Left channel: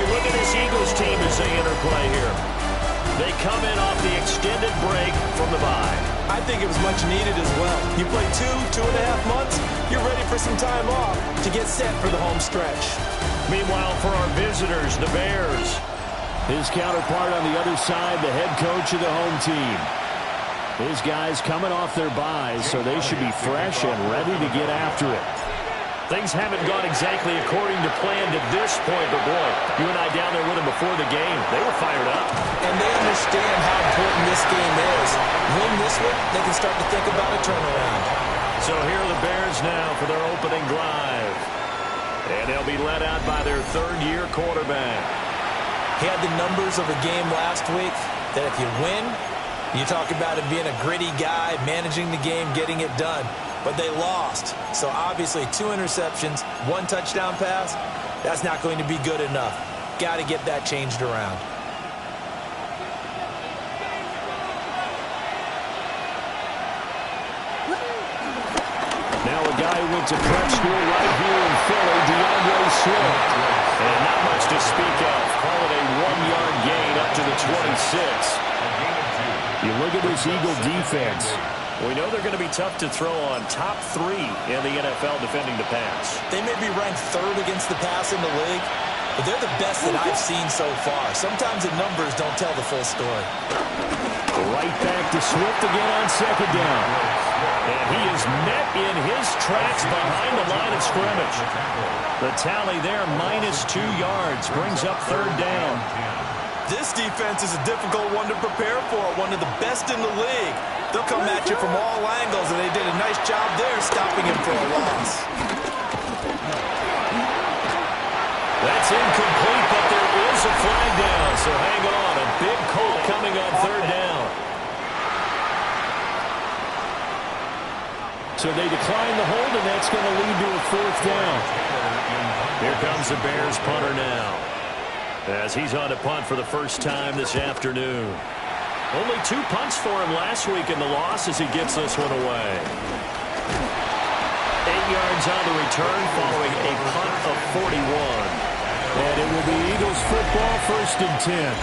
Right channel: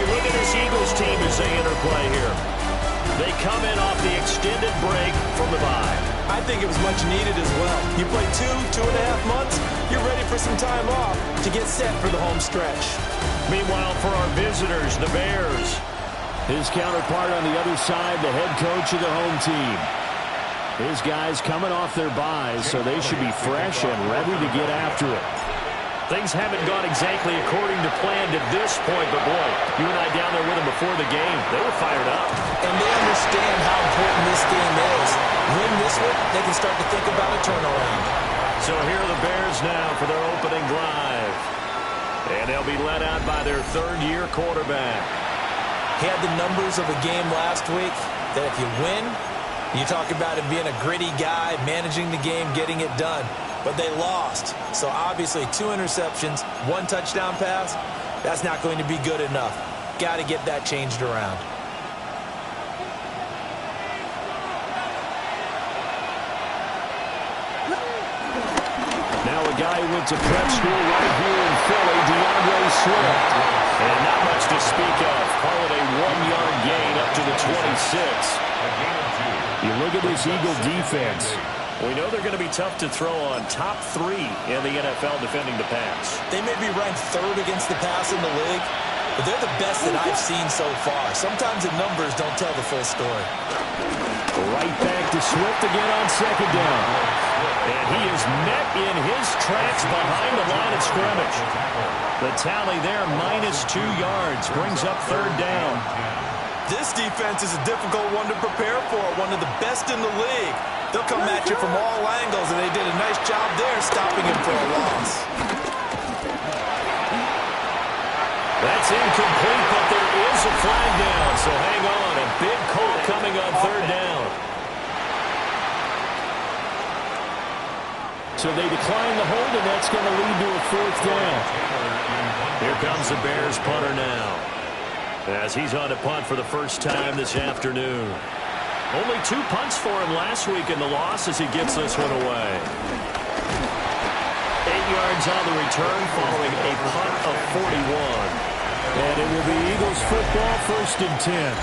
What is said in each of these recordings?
you look at this Eagles team as they interplay here, they come in off the extended break from the bye. I think it was much needed as well. You play 2.5 months, you're ready for some time off to get set for the home stretch. Meanwhile, for our visitors, the Bears, his counterpart on the other side, the head coach of the home team. His guys coming off their byes, so they should be fresh and ready to get after it. Things haven't gone exactly according to plan to this point, but boy, you and I down there with them before the game, they were fired up. And they understand how important this game is. Win this one, they can start to think about a turnaround. So here are the Bears now for their opening drive. And they'll be led out by their third-year quarterback. He had the numbers of a game last week that if you win, you talk about him being a gritty guy, managing the game, getting it done. But they lost. So obviously 2 interceptions, 1 touchdown pass, that's not going to be good enough. Got to get that changed around. Now a guy who went to prep school right here in Philly, DeAndre Swift. And not much to speak of. Call it a 1-yard gain up to the 26. You look at this Eagle defense. We know they're going to be tough to throw on. Top 3 in the NFL defending the pass. They may be ranked 3rd against the pass in the league, but they're the best that I've seen so far. Sometimes the numbers don't tell the full story. Right back to Swift again on second down. And he is met in his tracks behind the line of scrimmage. The tally there, -2 yards, brings up 3rd down. This defense is a difficult one to prepare for, one of the best in the league. They'll come at you from all angles, and they did a nice job there stopping him for a loss. That's incomplete, but there is a flag down, so hang on. A big call coming on 3rd down. So they decline the hold, and that's going to lead to a 4th down. Here comes the Bears punter now, as he's on to punt for the first time this afternoon. Only 2 punts for him last week in the loss as he gets this one away. 8 yards on the return following a punt of 41. And it will be Eagles football, 1st and 10.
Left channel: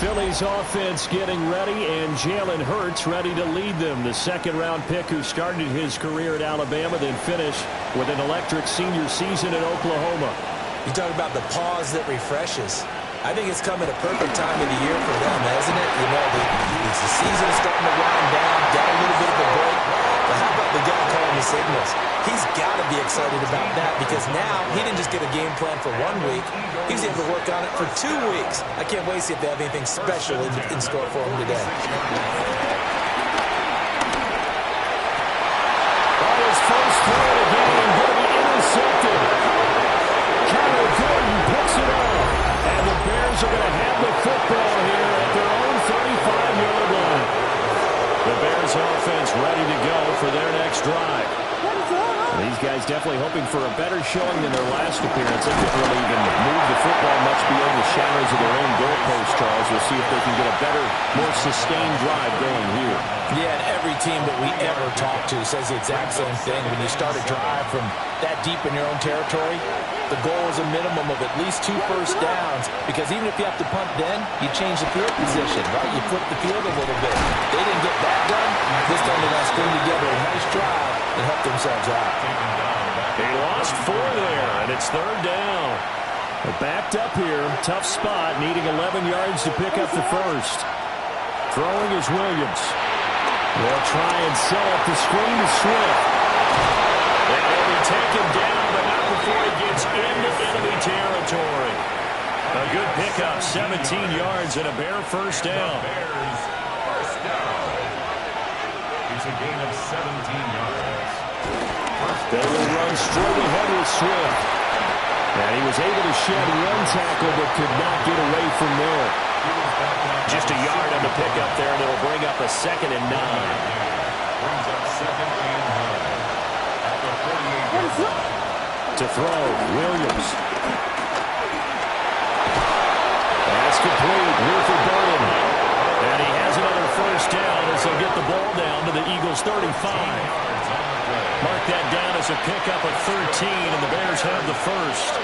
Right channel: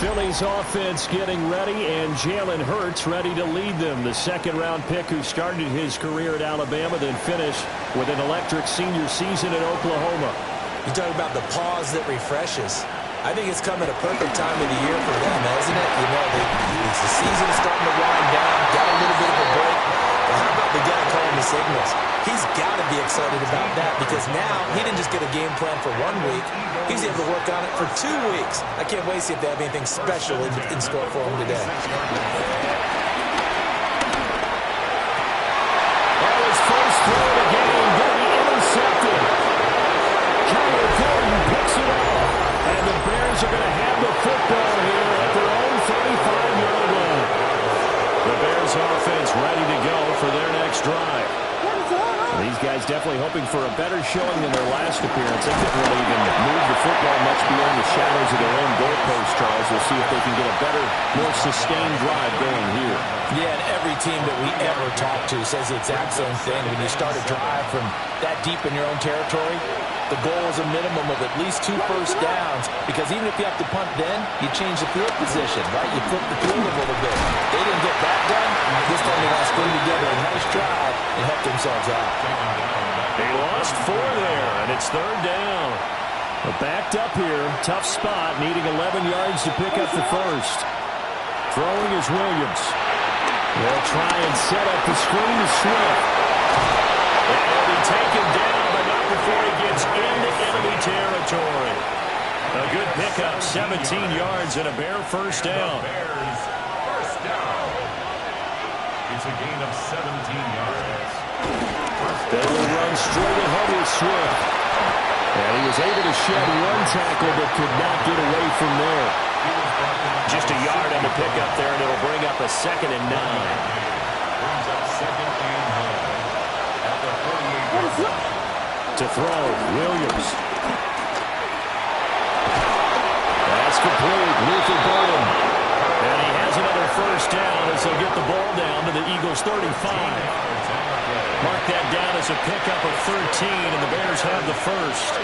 Philly's offense getting ready, and Jalen Hurts ready to lead them. The 2nd-round pick who started his career at Alabama, then finished with an electric senior season at Oklahoma. You talk about the pause that refreshes. I think it's come at a perfect time of the year for them, hasn't it? You know, the season is starting to wind down, got a little bit of a break. But how about the guy calling the signals? He's got to be excited about that because now he didn't just get a game plan for 1 week. He's able to work on it for 2 weeks. I can't wait to see if they have anything special in store for him today. Oh, his first throw of the game going to be intercepted. Kyler Gordon picks it off. And the Bears are going to have the football here at their own 35-yard line. The Bears offense ready to go for their next drive. These guys definitely hoping for a better showing than their last appearance. They couldn't really even move the football much beyond the shadows of their own goalpost, Charles. We'll see if they can get a better, more sustained drive going here. Yeah, and every team that we ever talk to says the exact same thing. When you start a drive from that deep in your own territory, the goal is a minimum of at least 2 first downs, because even if you have to punt then, you change the field position, right? You flip the field a little bit. They didn't get that done. This time they're going to string together a nice drive and help themselves out. They lost 4 there, and it's 3rd down. Backed up here, tough spot, needing 11 yards to pick up the first. Throwing is Williams. They'll try and set up the screen to Swift. And he'll be taken down, but not before he gets into enemy territory. A good pickup, 17 yards and a Bear first down. It's a gain of 17 yards. They will run straight ahead with Swift. And he was able to shed 1 tackle, but could not get away from there. Just a yard on the pickup there, and it'll bring up a 2nd and 9. Brings up 2nd and 9. At the 48-yard line. To throw, Williams. That's complete. Luther Burden. And he has another first down as they'll get the ball down to the Eagles' 35. Mark that down as a pickup of 13, and the Bears have the first.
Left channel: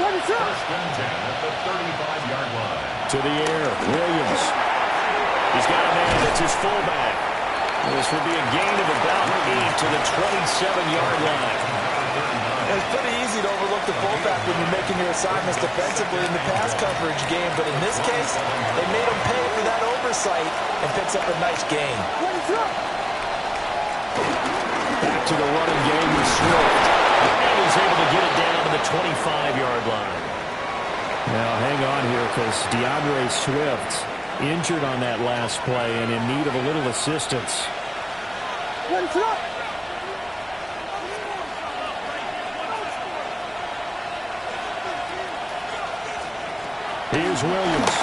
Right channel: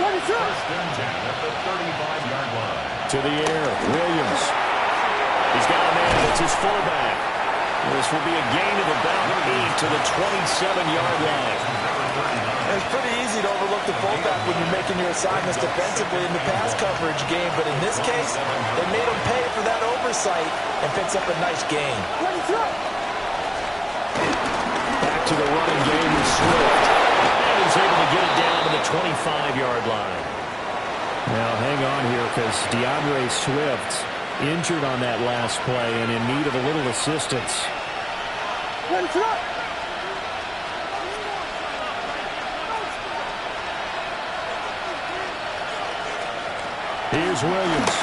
First and 10 at the 35-yard line. To the air, Williams. He's got a man. It's his fullback. This will be a gain of about 8 to the 27-yard line. It's pretty easy to overlook the fullback when you're making your assignments defensively in the pass coverage game, but in this case, they made him pay for that oversight and picks up a nice gain. Back to the running game with Swift. And he's able to get it down to the 25-yard line. Now, hang on here because DeAndre Swift injured on that last play and in need of a little assistance. Here's Williams.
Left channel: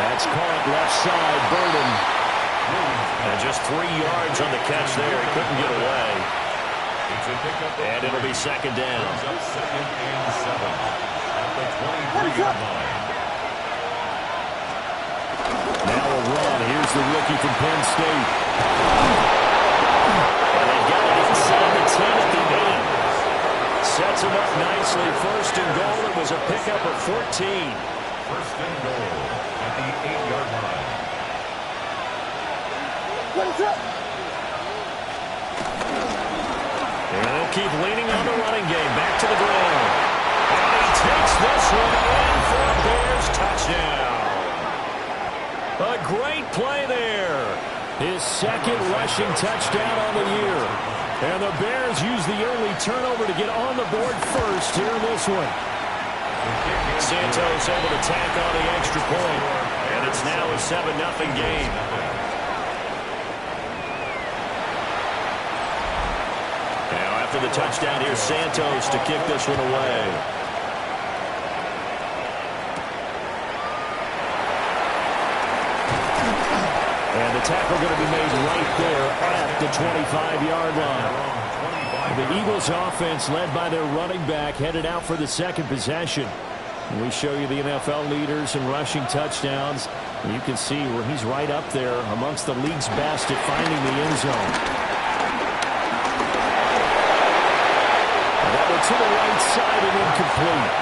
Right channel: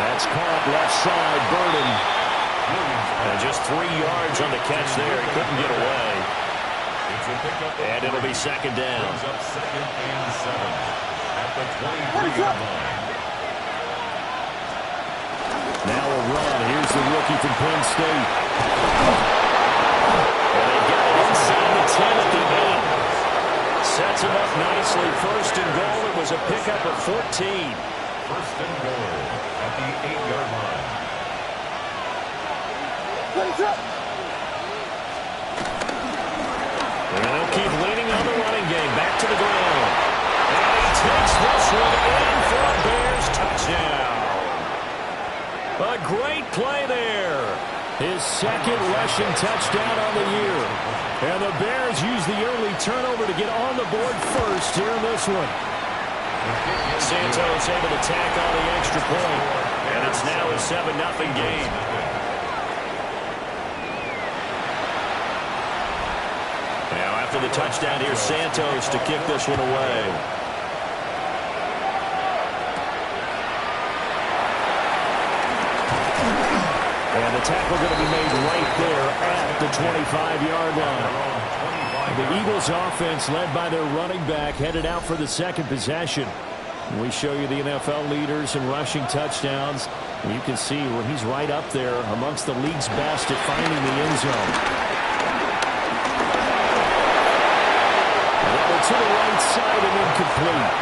That's caught left side, Burden. And just 3 yards on the catch there. He couldn't get away. And it'll be second down. Up second and 7 at the 23-yard line. Now a run. Here's the rookie from Penn State. And they've got it inside the 10 at the 8. Sets him up nicely. First and goal. It was a pickup of 14. First and goal at the 8-yard line. And they'll keep leaning on the running game. Back to the ground. And he takes this one in for a Bears touchdown. A great play there. His second rushing touchdown on the year. And the Bears use the early turnover to get on the board first here in this one. Santos able to tack on the extra point. And it's now a 7-0 game. Now after the touchdown, here's Santos to kick this one away. And the tackle going to be made right there at the 25-yard line. The Eagles offense led by their running back headed out for the second possession. We show you the NFL leaders in rushing touchdowns. You can see where he's right up there amongst the league's best at finding the end zone. And that went to the right side and incomplete.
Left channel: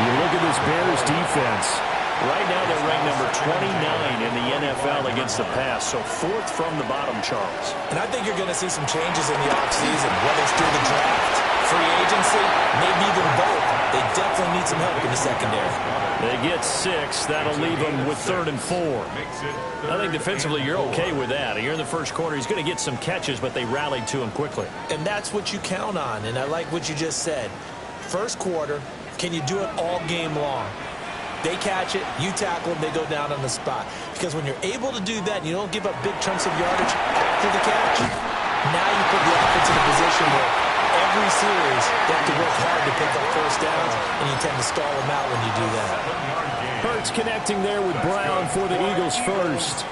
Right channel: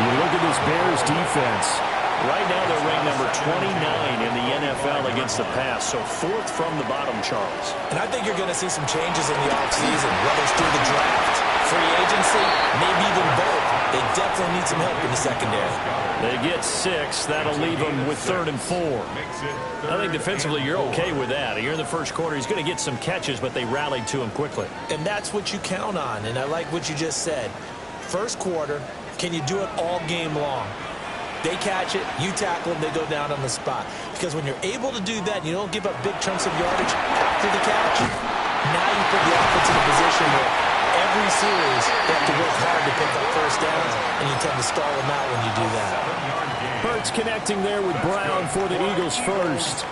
You look at this Bears defense. Right now they're ranked number 29 in the NFL against the pass, so 4th from the bottom, Charles. And I think you're going to see some changes in the offseason, whether it's through the draft, free agency, maybe even both. They definitely need some help in the secondary. They get 6. That'll leave them with 3rd and 4. I think defensively you're okay with that. You're in the first quarter. He's going to get some catches, but they rallied to him quickly. And that's what you count on, and I like what you just said. First quarter, can you do it all game long? They catch it, you tackle them, they go down on the spot. Because when you're able to do that, and you don't give up big chunks of yardage after the catch, now you put the offense in a position where every series they have to work hard to pick up first downs, and you tend to stall them out when you do that. Hurts connecting there with Brown for the Eagles first.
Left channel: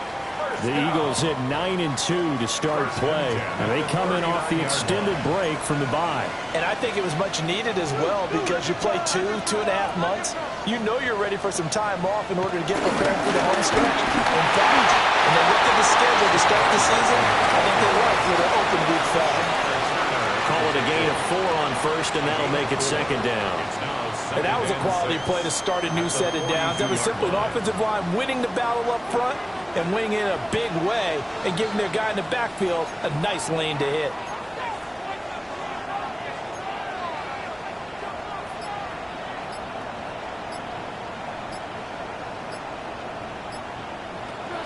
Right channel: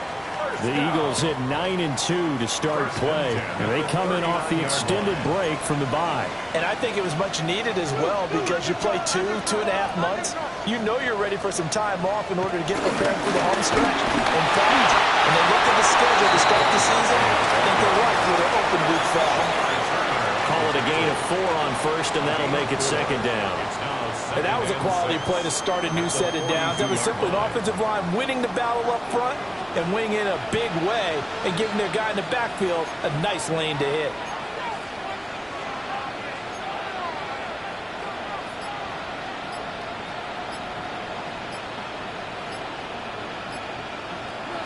The Eagles hit 9-2 to start play. And they come in off the extended break from the bye. And I think it was much needed as well because you play 2.5 months. You know you're ready for some time off in order to get prepared for the home stretch. In fact, when they looked at the schedule to start the season, I think they liked where their open week fell. Call it a gain of 4 on first, and that'll make it second down. And that was a quality play to start a new set of downs. That was simply an offensive line winning the battle up front and winning in a big way and giving their guy in the backfield a nice lane to hit.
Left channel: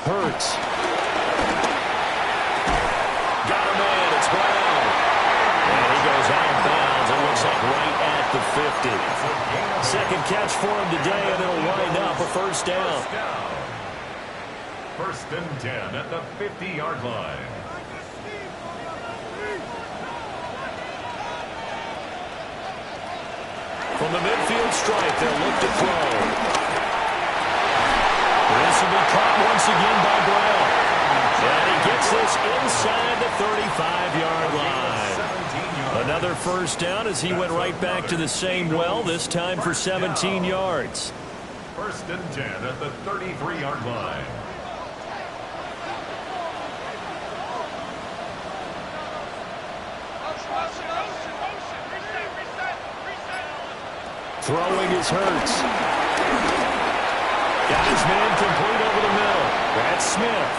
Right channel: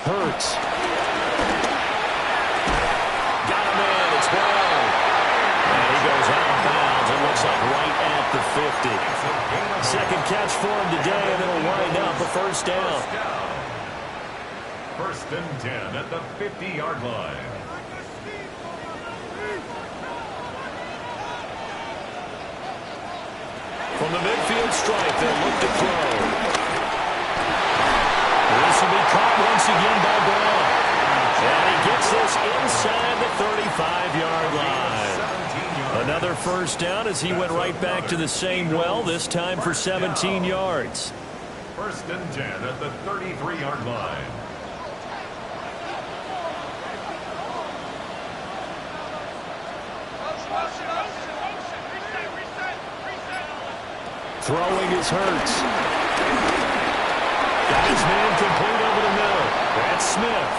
Hurts. Got him in. It's Brown. And he goes out of bounds. It looks like right at the 50. Second catch for him today, and it'll wind up a first down. First and 10 at the 50-yard line. From the midfield stripe, they'll look to throw. This will be caught once again by Brown. And he gets this inside the 35-yard line. Another first down as he went right back to the same well, this time for 17 yards. First and 10 at the 33-yard line. Throwing is Hurts. Got his man complete over the middle. That's Smith.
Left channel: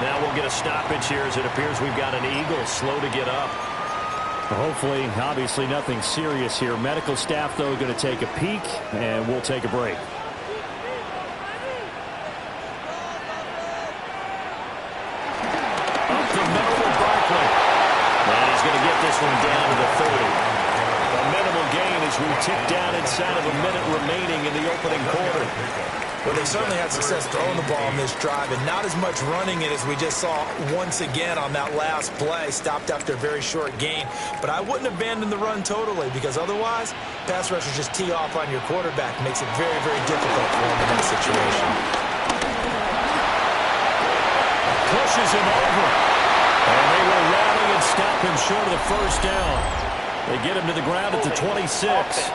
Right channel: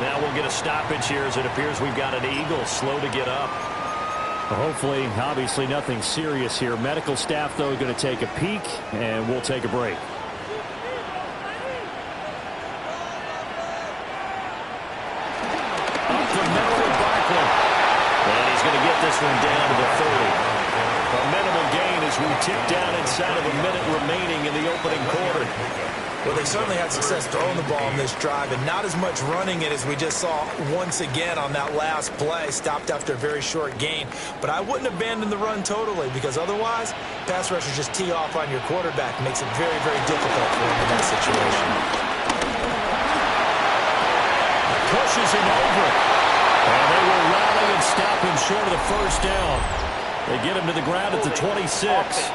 Now we'll get a stoppage here as it appears we've got an Eagle slow to get up. Hopefully, obviously nothing serious here. Medical staff, though, going to take a peek, and we'll take a break. Up the middle with Barkley. And he's going to get this one down to the 30. A minimal gain as we tick down inside of a minute remaining in the opening quarter. Well, they certainly had success throwing the ball in this drive and not as much running it as we just saw once again on that last play. Stopped after a very short gain. But I wouldn't abandon the run totally because otherwise, pass rushers just tee off on your quarterback. Makes it very, very difficult for him in that situation. Pushes him over. And they will rally and stop him short of the first down. They get him to the ground at the 26.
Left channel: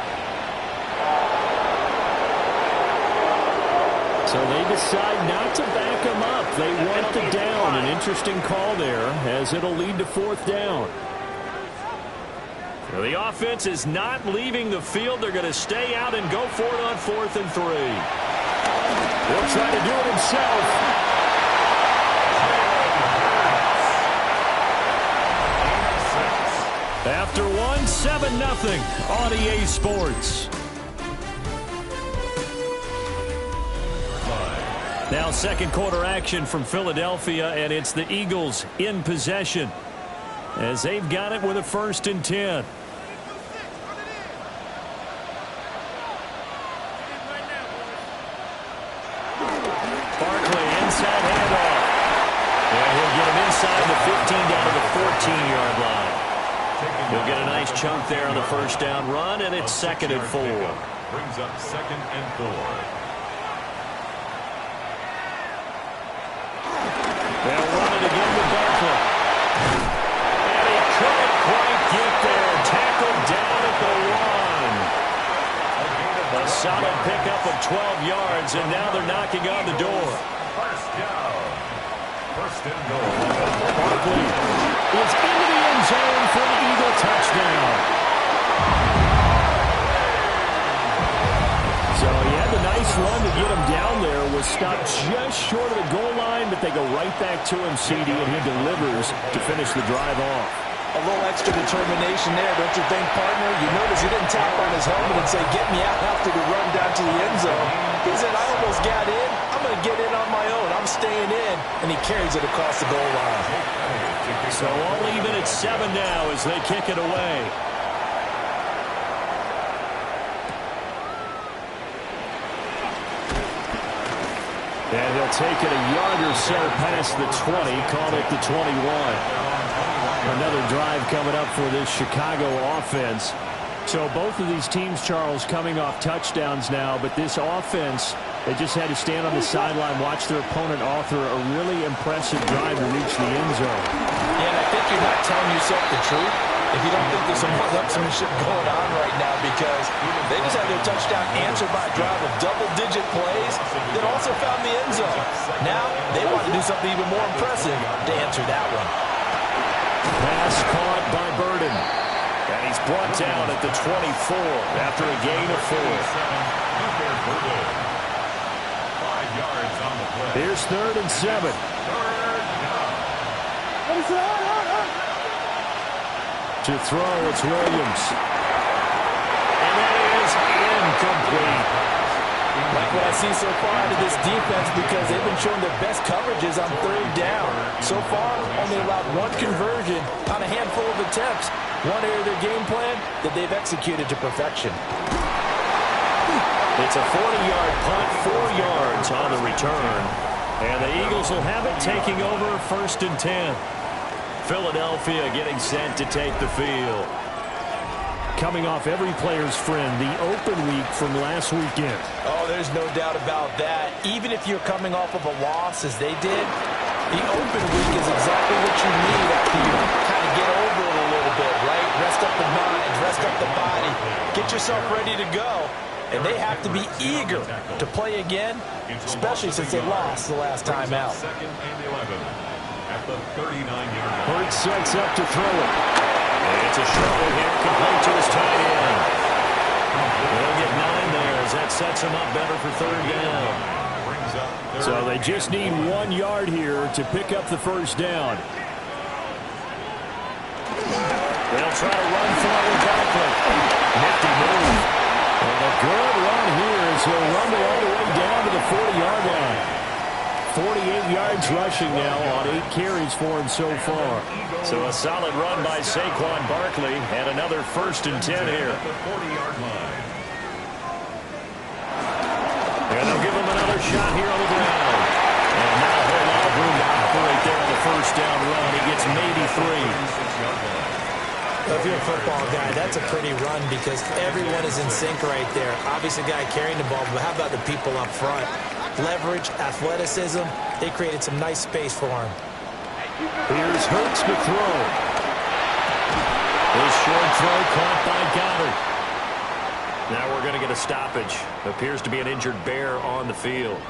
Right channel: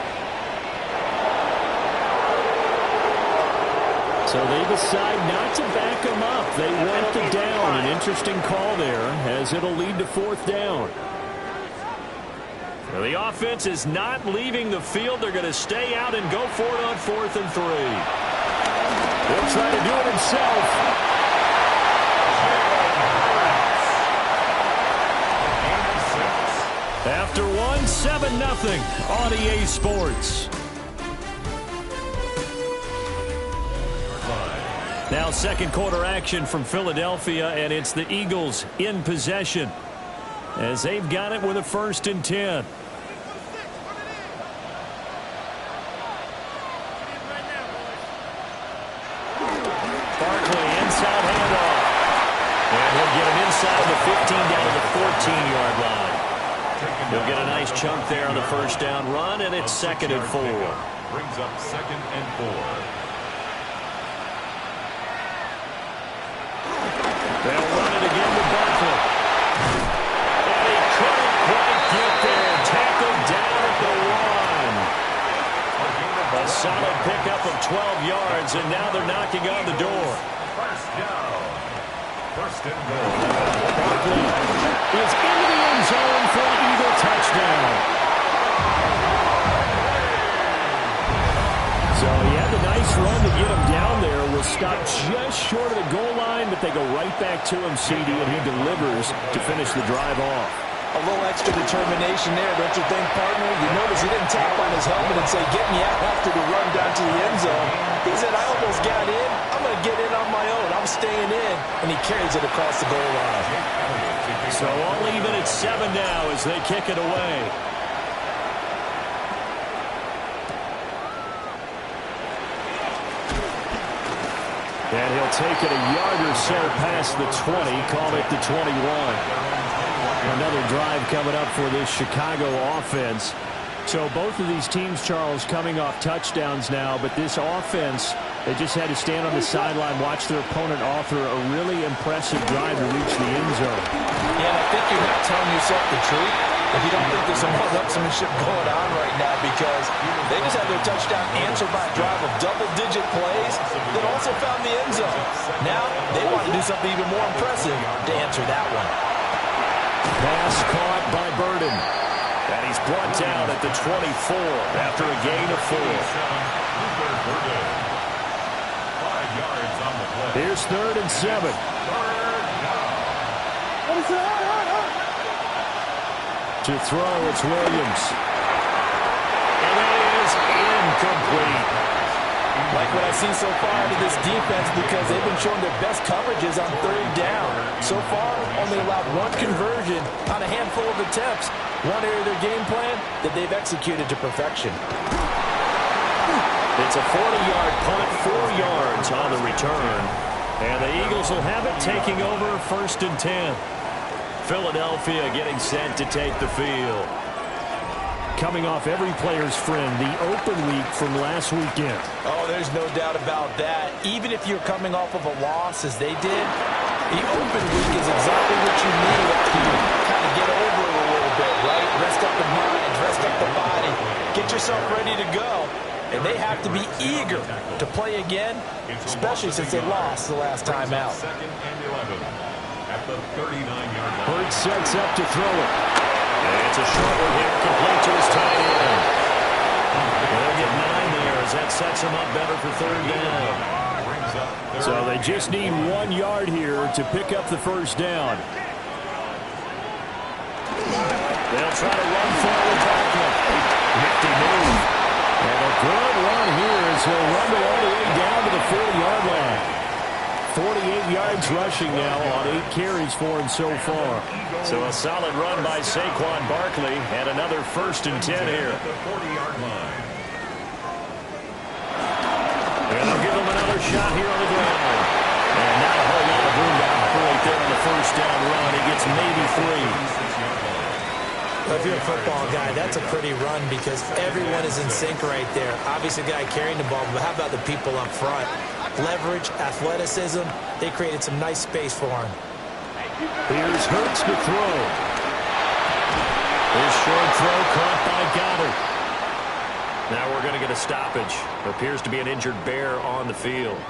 So they decide not to back him up. They want the down. An interesting call there as it'll lead to fourth down. Well, the offense is not leaving the field. They're going to stay out and go for it on 4th and 3. He'll try to do it himself. After one, 7-0 on EA Sports. Now second quarter action from Philadelphia, and it's the Eagles in possession as they've got it with a 1st and 10. Barkley inside handoff. And he'll get him inside the 15 down to the 14-yard line. He'll get a nice chunk there on the first down run, and it's 2nd and 4. Brings up 2nd and 4. They'll run it again with Barkley. And he couldn't quite get there. Tackled down at the 1. A solid pickup of 12 yards, and now they're knocking on the door. First down. 1st and goal. Barkley is into the end zone for an Eagle touchdown. So he had the nice run to get him down there. Was stopped just short of the goal line, but they go right back to him, CD, and he delivers to finish the drive off. A little extra determination there, don't you think, partner? You notice he didn't tap on his helmet and say, get me out after the run down to the end zone. He said, I almost got in. I'm going to get in on my own. I'm staying in. And he carries it across the goal line. So all even at 7 now as they kick it away. And he'll take it a yard or so past the 20, call it the 21. Another drive coming up for this Chicago offense. So both of these teams, Charles, coming off touchdowns now, but this offense, they just had to stand on the sideline, watch their opponent author a really impressive drive to reach the end zone. Yeah, and I think you're not telling yourself the truth if you don't think there's some one-upsmanship going on right now, because they just had their touchdown answered by a drive of double-digit plays that also found the end zone. Now they want to do something even more impressive to answer that one. Pass caught by Burden. And he's brought down at the 24 after a gain of 4. 5 yards on the play. Here's 3rd and 7. 3rd down. To throw, it's Williams. And that is incomplete. Like what I see so far out of this defense, because they've been showing their best coverages on 3rd down. So far, only allowed 1 conversion on a handful of attempts. One area of their game plan that they've executed to perfection. It's a 40-yard punt, 4 yards on the return. And the Eagles will have it taking over 1st and 10. Philadelphia getting set to take the field. Coming off every player's friend, the open week from last weekend. Oh, there's no doubt about that. Even if you're coming off of a loss as they did, the open week is exactly what you need after you kind of get over it a little bit, right? Rest up the mind, rest up the body, get yourself ready to go. And they have to be eager to play again, especially since they lost the last time out. 2nd and 11 at the 39-yard line. Hurts sets up to throw it. And it's a short one here, complete to his tight end. sets them up better for third down. So they just need 1 yard here to pick up the first down. They'll try to run for it with Barkley. Nifty move. And a good run here as he'll rumble all the way down to the 40-yard line. 48 yards rushing now on 8 carries for him so far. So a solid run by Saquon Barkley and another 1st and 10 here. The 40-yard line. And they'll give him another shot here on the ground. And not a whole lot of room to operate there on the first down run. He gets maybe 3. Well, if you're a football guy, that's a pretty run because everyone is in sync right there. Obviously, the guy carrying the ball, but how about the people up front? Leverage, athleticism, they created some nice space for him. Here's Hurts to throw. His short throw caught by Goddard. Now we're going to get a stoppage. Appears to be an injured Bear on the field.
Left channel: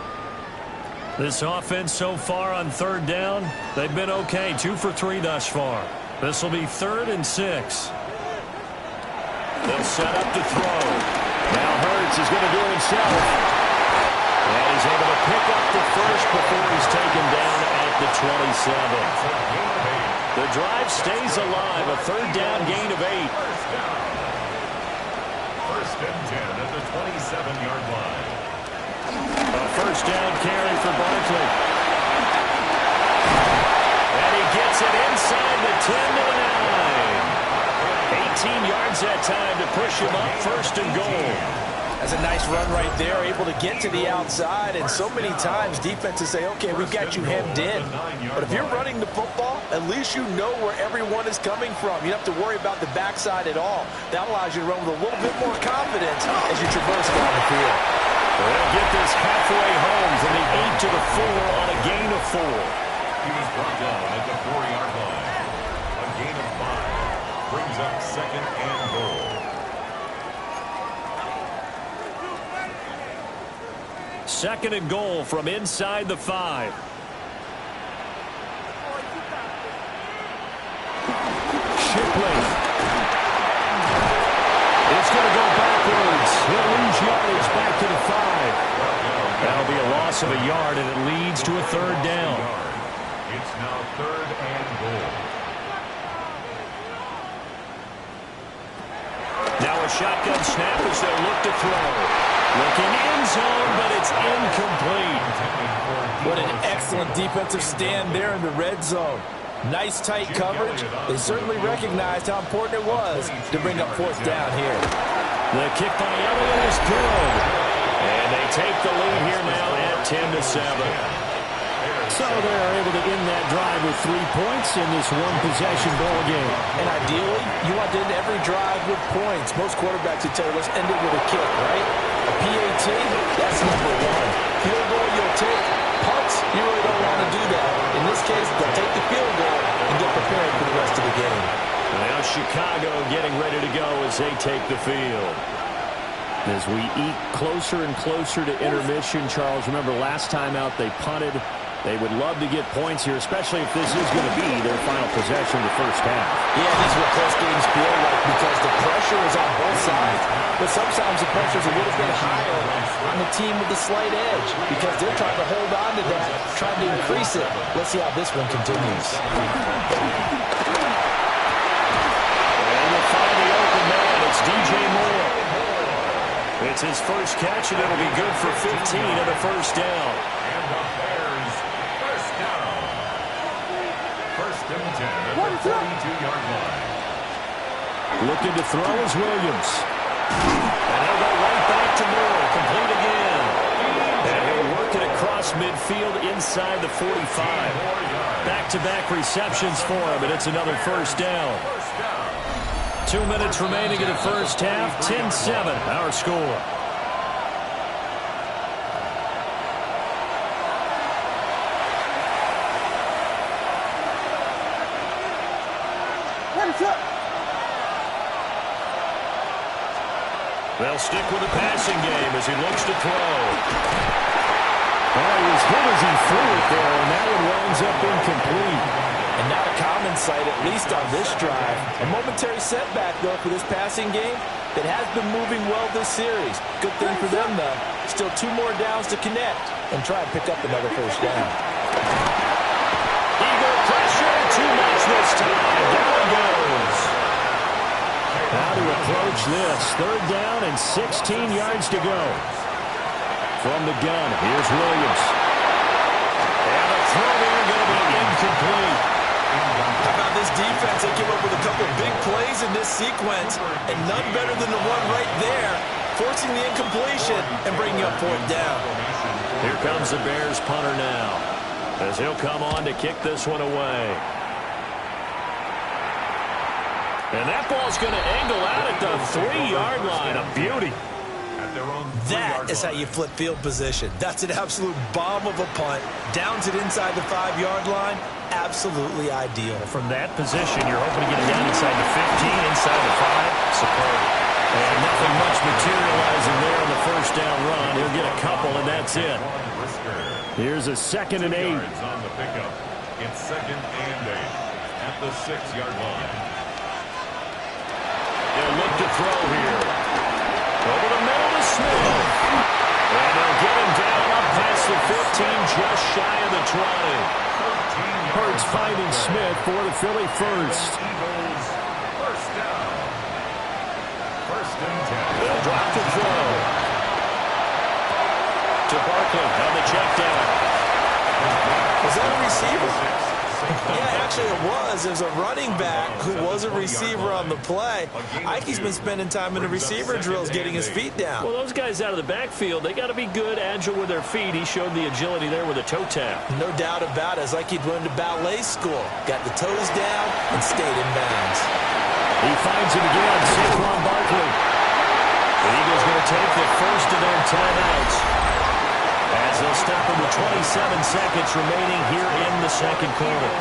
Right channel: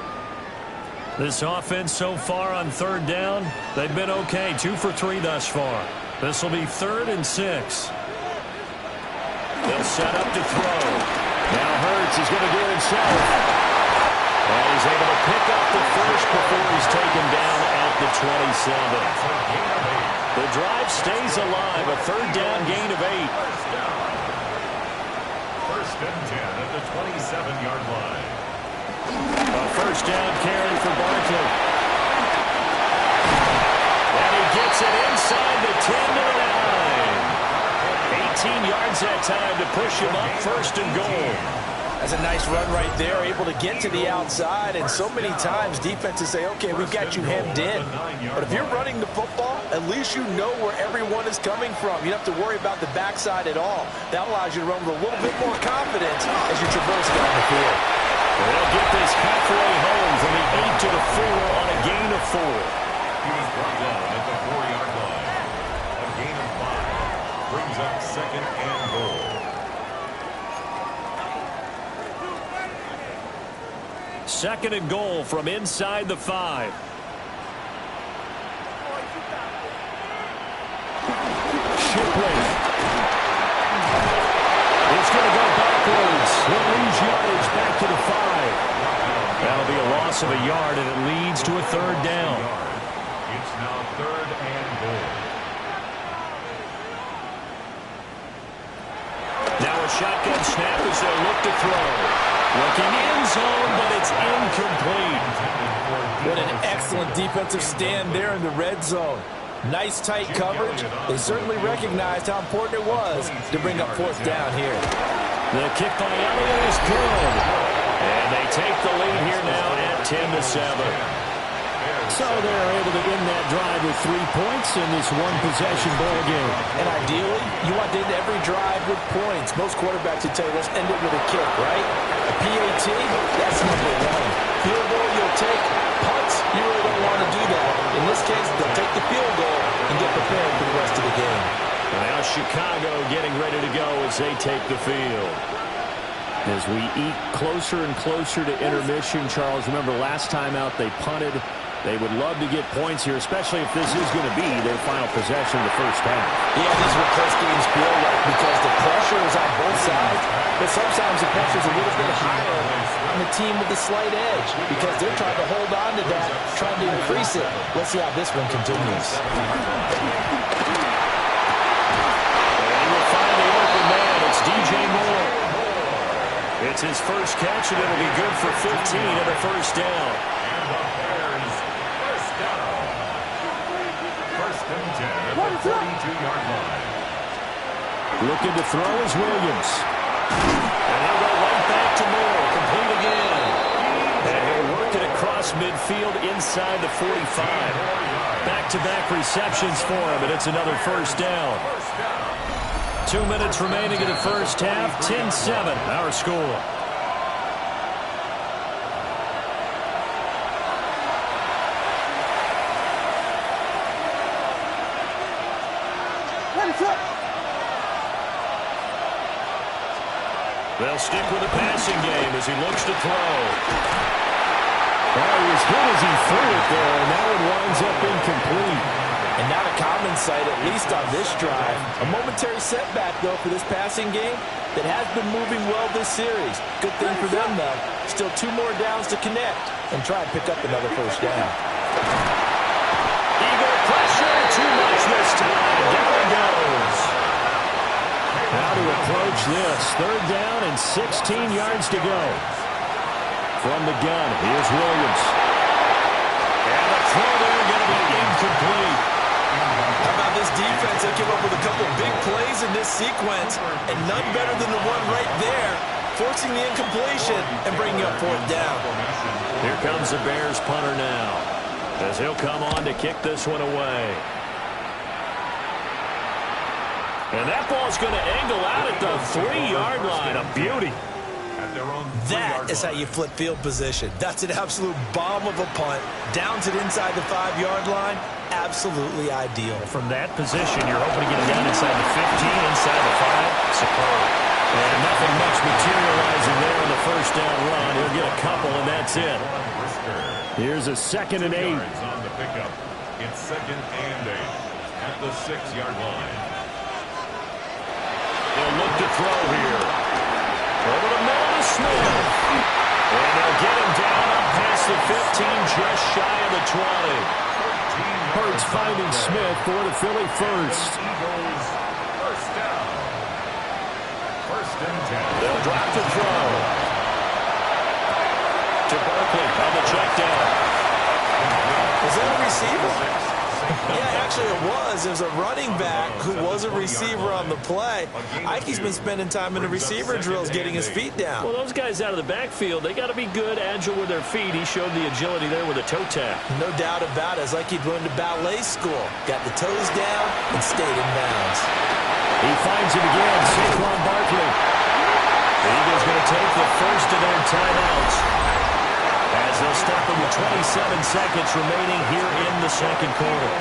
This offense so far on third down, they've been okay. 2 for 3 thus far. This will be 3rd and 6. They'll set up to throw. Now Hurts is going to do it himself. And he's able to pick up the first before he's taken down at the 27. The drive stays alive. A 3rd down gain of 8. First and 10 at the 27-yard line. A 1st down carry for Barkley. And he gets it inside the 10 to the 9. 18 yards that time to push him up 1st and goal. That's a nice run right there, able to get to the outside, and so many times defenses say, okay, we've got you hemmed in. But if you're running the football, at least you know where everyone is coming from. You don't have to worry about the backside at all. That allows you to run with a little bit more confidence as you traverse down the field. They'll get this halfway home from the 8 to the 4 on a gain of 4. He was brought down at the 4-yard line. A gain of 5 brings up 2nd and goal. 2nd and goal from inside the 5. Shipley. It's going to go backwards. He'll lose yardage back to the 5. That'll be a loss of a yard, and it leads to a 3rd down. It's now 3rd and goal. Now a shotgun snap as they'll look to throw. Looking end zone, but it's incomplete. What an excellent defensive stand there in the red zone. Nice tight coverage. They certainly recognized how important it was to bring up 4th down here. The kick by Elliott is good. And they take the lead here now at 10 to 7. So they're able to end that drive with 3 points in this one-possession ball game. And ideally, you want to end every drive with points. Most quarterbacks would tell you, let's end it with a kick, right? A PAT, that's number 1. Field goal, you'll take. Punts, you really don't want to do that. In this case, they'll take the field goal and get prepared for the rest of the game. Now Chicago getting ready to go as they take the field. As we eke closer and closer to intermission, Charles, remember last time out they punted. They would love to get points here, especially if this is going to be their final possession of the first half. Yeah, these are what close games feel like because the pressure is on both sides, but sometimes the pressure is a little bit higher on the team with the slight edge because they're trying to hold on to that, trying to increase it. Let's see how this one continues. And we'll find the open man. It's DJ Moore. It's his first catch, and it'll be good for 15 and a first down. And the Bears first down. 1st and 10 at the 42-yard line. Looking to throw is Williams. And he'll go right back to Moore. Complete again. And he'll work it across midfield inside the 45. Back-to-back receptions for him, and it's another first down. 2 minutes remaining in the first half. 10-7, our score. They'll stick with the passing game as he looks to throw. Oh, he was hit as he threw it there, and that one winds up incomplete. And not a common sight, at least on this drive. A momentary setback, though, for this passing game. that has been moving well this series. Good thing for them, though. Still 2 more downs to connect and try and pick up another first down. Eagle pressure, too much this time. Down he goes. How to approach this. 3rd down and 16 yards to go. From the gun, here's Williams. And the throw there going to be incomplete. How about this defense? They came up with a couple of big plays in this sequence, and none better than the one right there, forcing the incompletion and bringing up 4th down. Here comes the Bears punter now, as he'll come on to kick this one away. And that ball's going to angle out at the 3-yard line. A beauty. That is how you flip field position. That's an absolute bomb of a punt. Downs it inside the 5-yard line. Absolutely ideal. From that position, you're hoping to get it down inside the 15, inside the 5. Superb. And nothing much materializing there on the first down run. He'll get a couple, and that's it. Here's a 2nd and 8. On the pickup. It's 2nd and 8 at the 6-yard line. He'll look to throw here. Over the middle to Smith. And they'll get him down up past the 15, just shy of the 20. Hurts finding Smith for the Philly first. Eagles, first down. 1st and 10. They'll drop the throw. To Barkley on the check down. Was that a receiver? Yeah, actually it was. There's a running back who was a receiver on the play. Ike's been spending time in the receiver drills getting his feet down. Well, those guys out of the backfield, they got to be good, agile with their feet. He showed the agility there with a toe tap. No doubt about it. It's like he'd learned to ballet school. Got the toes down and stayed in bounds. He finds him again, Saquon Barkley. The Eagles going to take the first of their timeouts, as they'll stop him with 27 seconds remaining here in the 2nd quarter.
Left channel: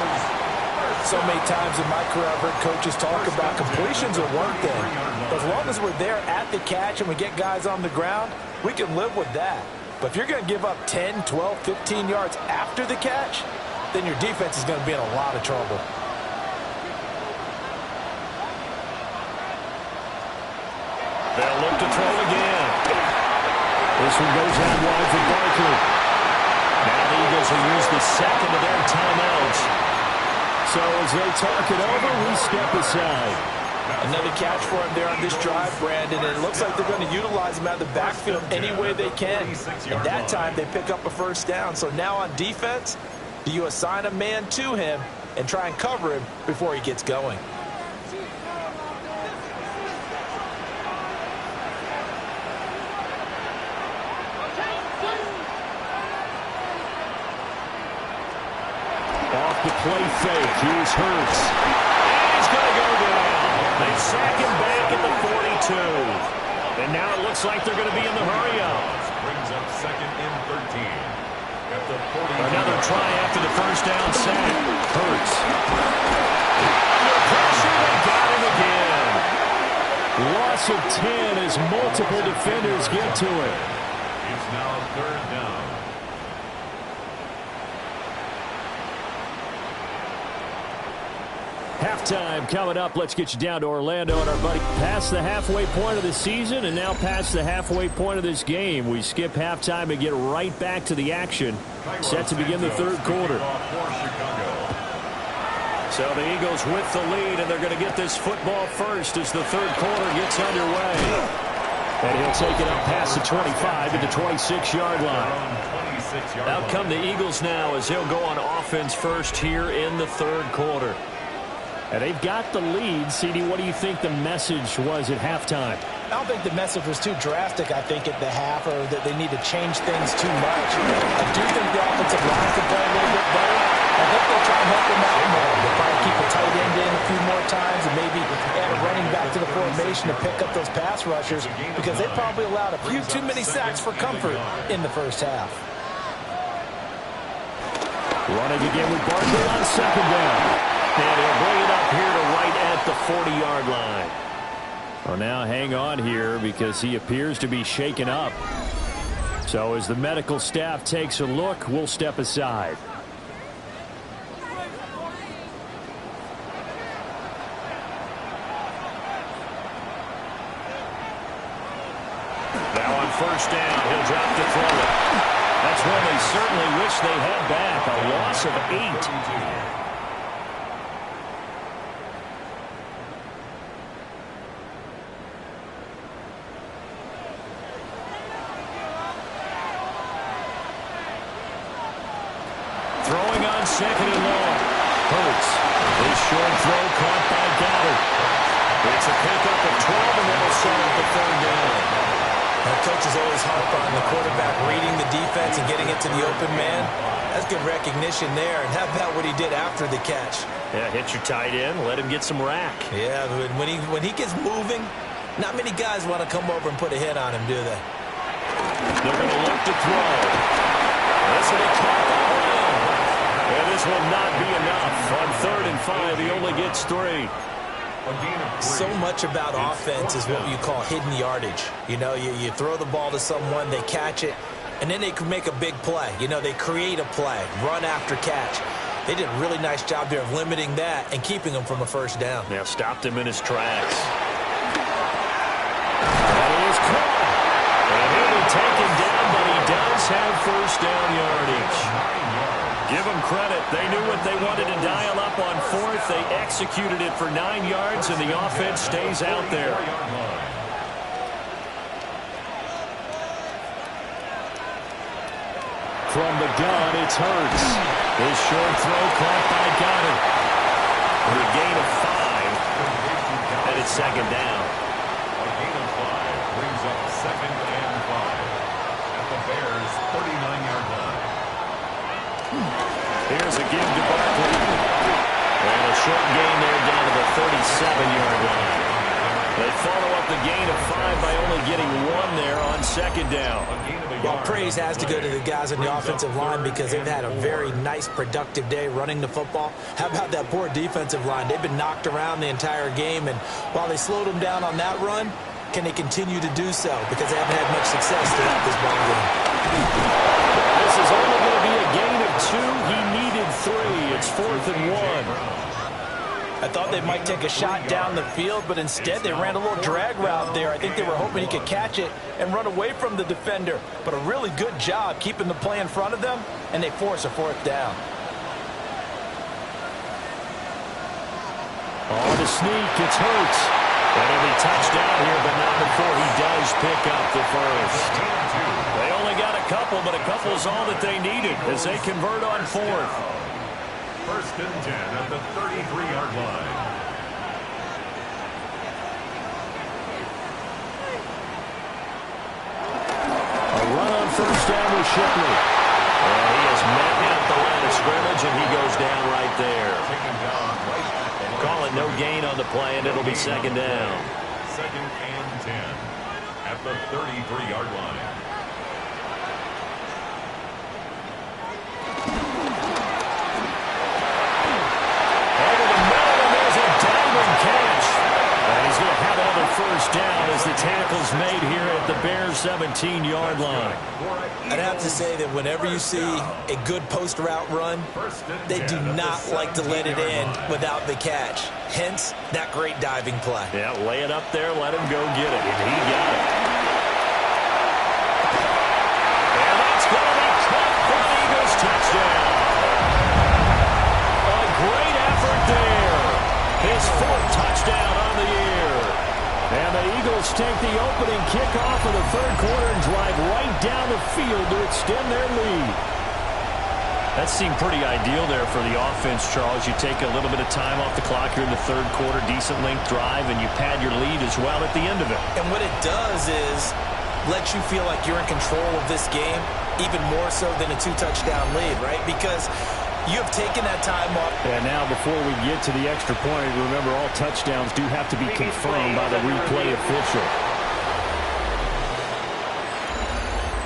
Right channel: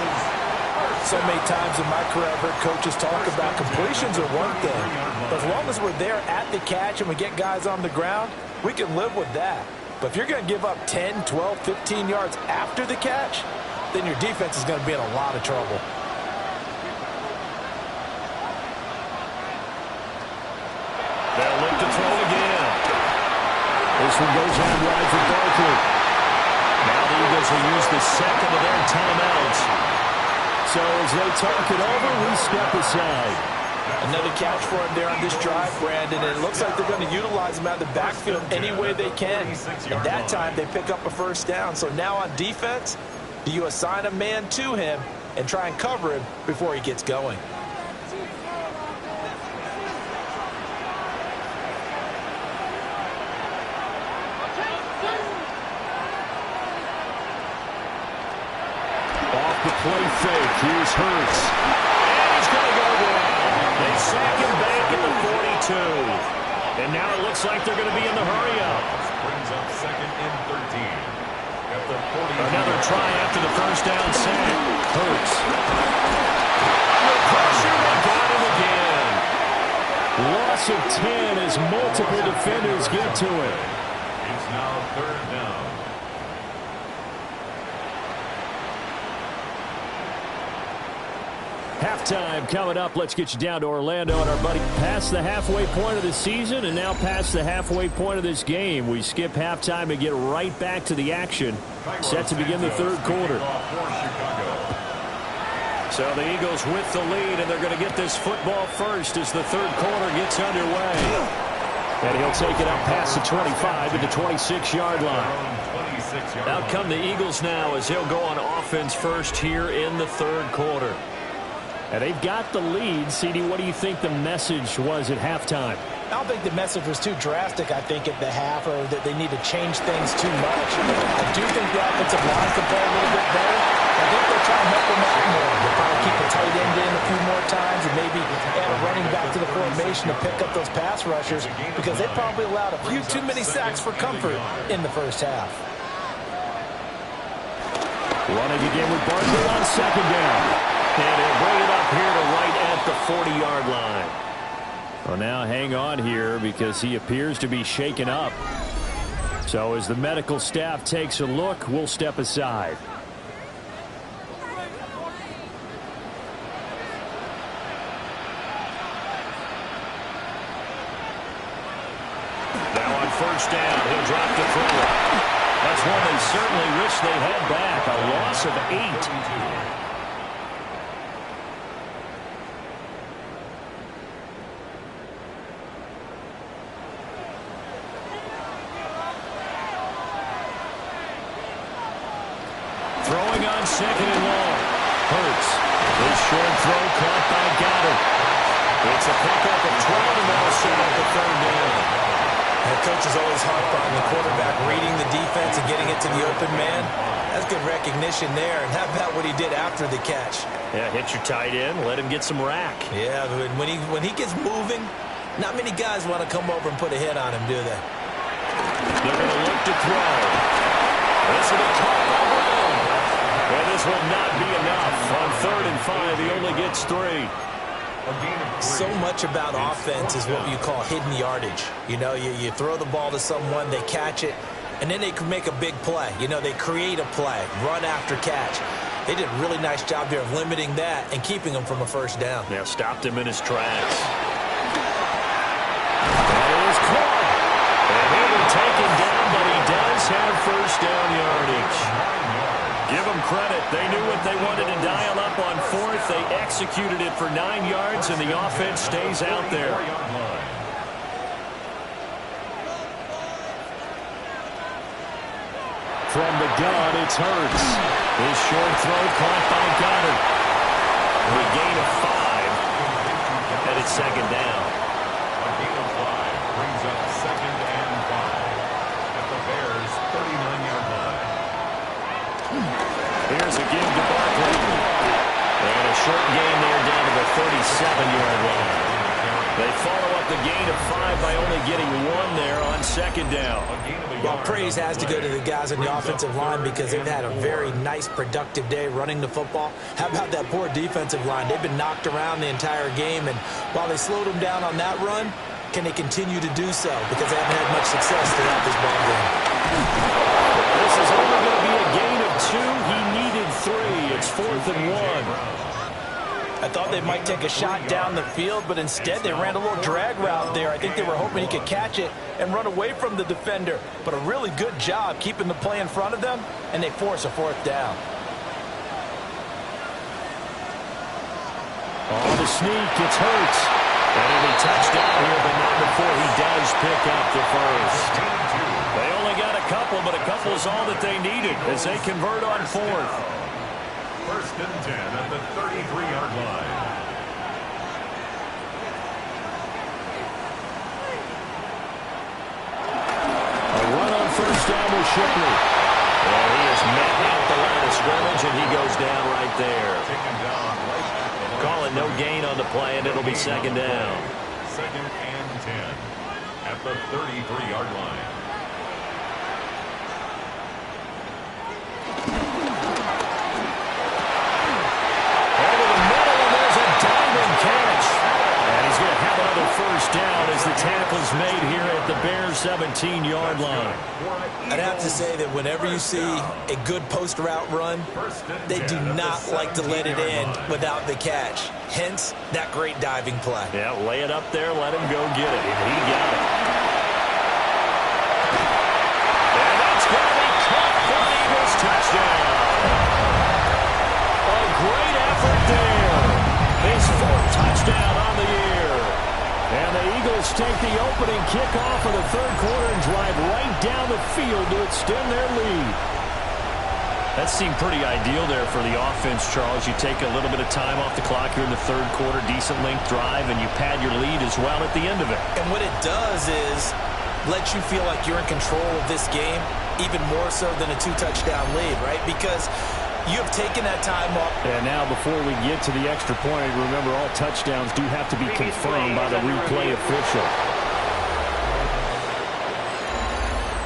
So many times in my career, I've heard coaches talk about completions are one thing. But as long as we're there at the catch and we get guys on the ground, we can live with that. But if you're going to give up 10, 12, 15 yards after the catch, then your defense is going to be in a lot of trouble. They'll look to throw again. This one goes out wide for Barkley. Now the Eagles will use the 2nd of their timeouts. So as they talk it over, we step aside. Another catch for him there on this drive, Brandon. And it looks like they're going to utilize him out of the backfield any way they can. And that time they pick up a first down. So now on defense, do you assign a man to him and try and cover him before he gets going? Off the play fake, here's Hurts. And he's going to go down. They sack him back at the 42. And now it looks like they're going to be in the hurry-up. Brings up 2nd and 13 at the 40. Another try after the first down sack. Hurts. Under pressure, they got him again. Loss of 10 as multiple defenders get to it. It's now 3rd down. Halftime coming up. Let's get you down to Orlando and our buddy. Past the halfway point of the season and now past the halfway point of this game. We skip halftime and get right back to the action. Set to begin the 3rd quarter. So the Eagles with the lead, and they're going to get this football first as the 3rd quarter gets underway. And he'll take it up past the 25 to the 26-yard line. Out come the Eagles now as he'll go on offense first here in the 3rd quarter. And they've got the lead. CD, what do you think the message was at halftime? I don't think the message was too drastic, I think, at the half, or that they need to change things too much. I do think the offensive line can play a little bit better. I think they'll try and help them out more. They'll probably keep a tight end in a few more times and maybe add a running back to the formation to pick up those pass rushers, because they probably allowed a few too many sacks for comfort in the first half. Running again with Barkley on 2nd down. And he'll bring it up here to right at the 40-yard line. Well, now hang on here because he appears to be shaken up. So as the medical staff takes a look, we'll step aside. Now on first down, he'll drop to throw it. That's one they certainly wish they had back. A loss of 8. Throwing on second and long. Hurts. His short throw caught by Goddard. It's a pickup of 12, and that'll set up the third down. That coach is always harp on the quarterback reading the defense and getting it to the open man. That's good recognition there. And how about what he did after the catch? Yeah, hit your tight end, let him get some rack. Yeah, but when he gets moving, not many guys want to come over and put a hit on him, do they? They're going to look to throw. This will be caught by Brown. And this will not be enough. On 3rd and 5, he only gets 3. So much about offense is what you call hidden yardage. You know, you throw the ball to someone, they catch it, and then they can make a big play. You know, they create a play, run after catch. They did a really nice job there of limiting that and keeping him from a first down. Now stopped him in his tracks. That is caught. And he'll be taken down, but he does have first down yardage. Give them credit. They knew what they wanted to dial up on 4th. They executed it for 9 yards, and the offense stays out there. From the gun, it's Hurts. His short throw caught by Goddard. For a gain of 5, and it's second down. A gain of 5 brings up 2nd and 5 at the Bears' 39-yard line. Here's a give to Barkley. And a short gain there down to the 37-yard line. They follow up the gain of 5 by only getting 1 there on second down. Well, praise has to go to the guys on the offensive line because they've had a very nice, productive day running the football. How about that poor defensive line? They've been knocked around the entire game, and while they slowed them down on that run, can they continue to do so? Because they haven't had much success throughout this ball game. This is only going to be a gain of 2. He needed 3. It's 4th and 1. I thought they might take a shot down the field, but instead they ran a little drag route there. I think they were hoping he could catch it and run away from the defender. But a really good job keeping the play in front of them, and they force a 4th down. On the sneak, it's Hurts. And he'll be touched down here, but not before he does pick up the first. They only got a couple, but a couple is all that they needed as they convert on 4th. 1st and 10 at the 33-yard line. A run on first down with Shipley. And he is met at the line of scrimmage, and he goes down right there. Taken down right at the line. Call it no gain on the play, and it'll be second down. 2nd and 10 at the 33-yard line. Over the middle, and there's a diving catch. And he's going to have another first down as the tackle's made here at the Bears' 17-yard line. I'd have to say that whenever you see a good post route run, they do not like to let it in without the catch. Hence, that great diving play. Yeah, lay it up there, let him go get it, and he got it. And that's going to be caught for an Eagles touchdown. A great effort there. His 4th touchdown on the year. And the Eagles take the opening kickoff of the 3rd quarter and drive right down the field to extend their lead. That seemed pretty ideal there for the offense, Charles. You take a little bit of time off the clock here in the 3rd quarter, decent length drive, and you pad your lead as well at the end of it. And what it does is let you feel like you're in control of this game, even more so than a 2-touchdown lead, right? Because you have taken that time off. And now before we get to the extra point, remember all touchdowns do have to be confirmed by the replay official.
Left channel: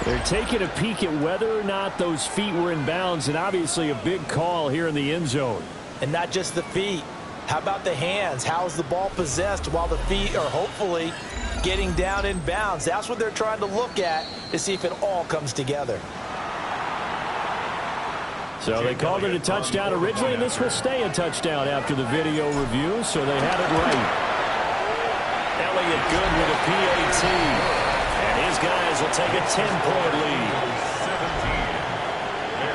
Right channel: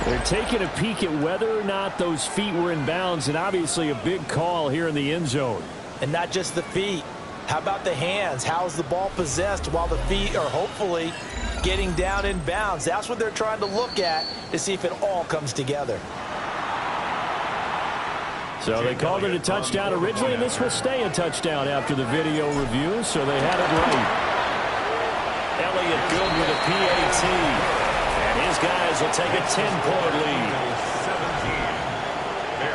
They're taking a peek at whether or not those feet were in bounds, and obviously a big call here in the end zone. And not just the feet. How about the hands? How's the ball possessed while the feet are hopefully getting down in bounds? That's what they're trying to look at to see if it all comes together. So they called it a touchdown originally, and this will stay a touchdown after the video review, so they had it right. Elliott good with a PAT. And his guys will take a 10-point lead.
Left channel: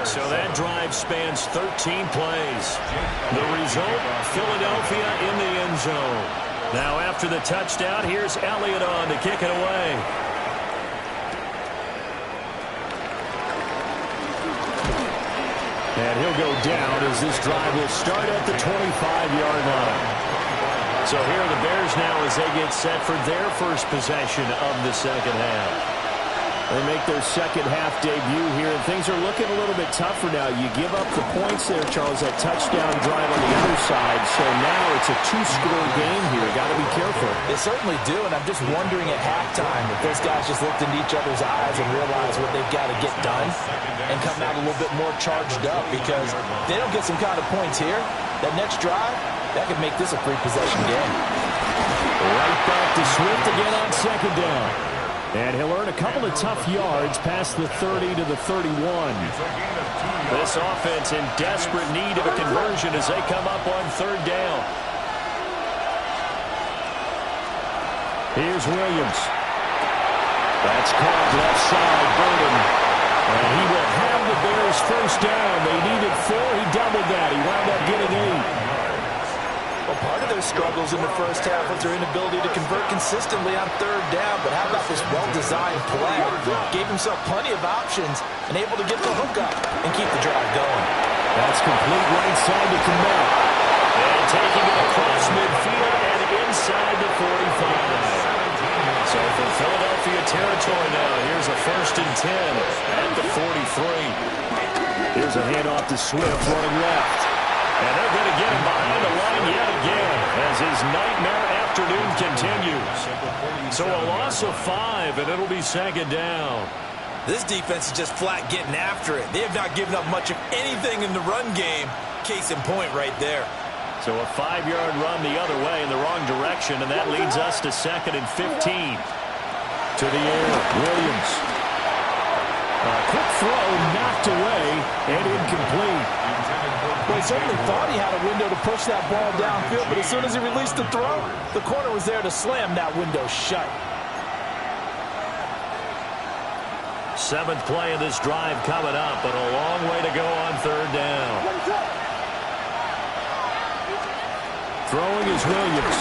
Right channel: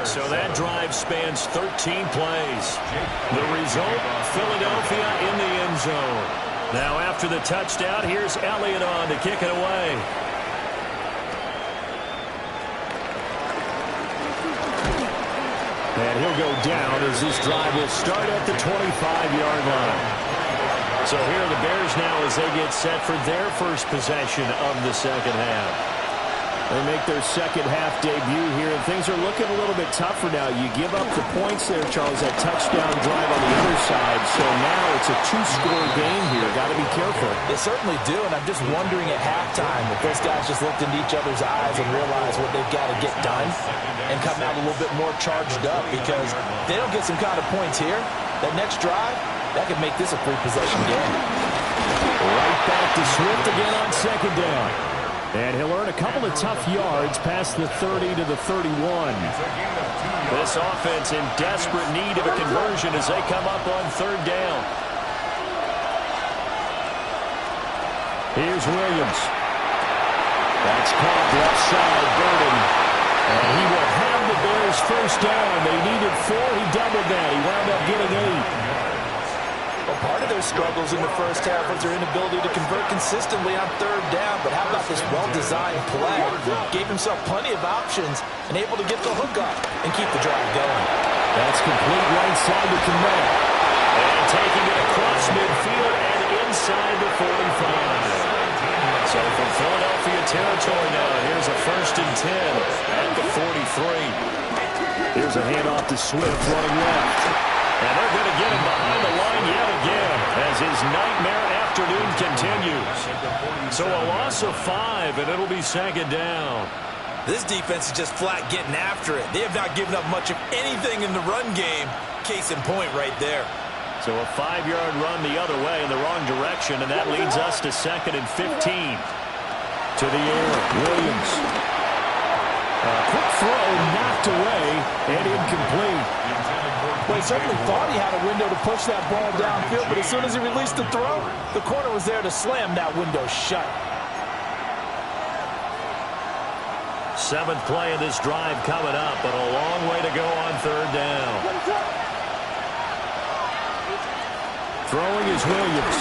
So that drive spans 13 plays. The result, Philadelphia in the end zone. Now after the touchdown, here's Elliott on to kick it away. And he'll go down as this drive will start at the 25-yard line. So here are the Bears now as they get set for their first possession of the second half. They make their second half debut here, and things are looking a little bit tougher now. You give up the points there, Charles, that touchdown drive on the other side. So now it's a two-score game here. Got to be careful. They certainly do, and I'm just wondering at halftime if those guys just looked into each other's eyes and realized what they've got to get done and come out a little bit more charged up, because if they don't get some kind of points here, that next drive, that could make this a three-possession game. Right back to Swift again on second down. And he'll earn a couple of tough yards past the 30 to the 31. This offense in desperate need of a conversion as they come up on third down. Here's Williams. That's caught left side, Burden. And he will have the Bears first down. They needed 4. He doubled that. He wound up getting 8. Well, part of their struggles in the first half was their inability to convert consistently on third down. But how about this well-designed play? Gave himself plenty of options and able to get the hook up and keep the drive going. That's complete right side to Kmet. And taking it across midfield and inside the 45. So from Philadelphia territory now, here's a 1st and 10 at the 43. Here's a handoff to Swift running left. And they're going to get him behind the line yet again as his nightmare afternoon continues. So a loss of 5, and it'll be second down. This defense is just flat getting after it. They have not given up much of anything in the run game. Case in point right there. So a 5-yard run the other way in the wrong direction, and that leads us to 2nd and 15. To the air, Williams. A quick throw knocked away and incomplete. Well, he certainly thought he had a window to push that ball downfield, but as soon as he released the throw, the corner was there to slam that window shut. 7th play of this drive coming up, but a long way to go on third down. Throwing is Williams.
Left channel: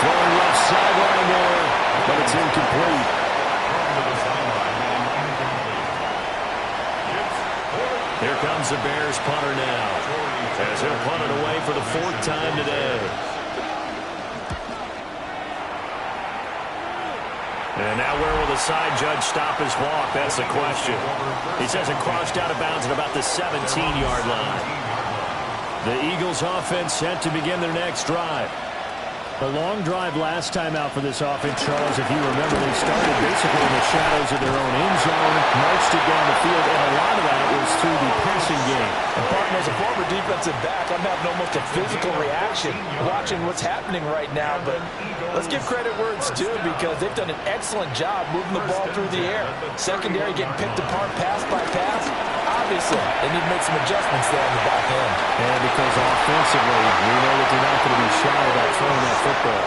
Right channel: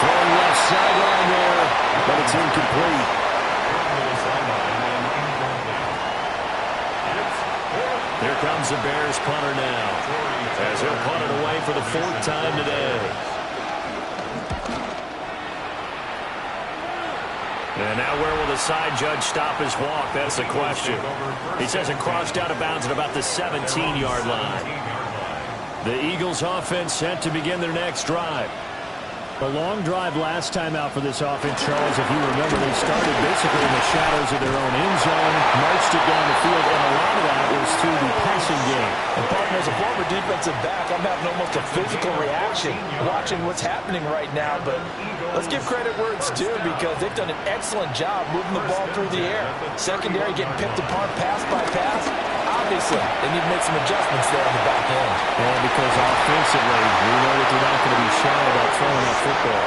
Throwing left sideline there, but it's incomplete. Here comes the Bears punter now, as he'll punt it away for the 4th time today. And now where will the side judge stop his walk? That's the question. He says it crossed out of bounds at about the 17-yard line. The Eagles offense set to begin their next drive. A long drive last time out for this offense, Charles. If you remember, they started basically in the shadows of their own end zone, marched it down the field, and a lot of that was through the passing game. And, partner, as a former defensive back, I'm having almost a physical reaction watching what's happening right now. But let's give credit where it's due, because they've done an excellent job moving the ball through the air. Secondary getting picked apart pass by pass. Obviously, they need to make some adjustments there on the back end. And because offensively, we know that they're not going to be shy about throwing that football.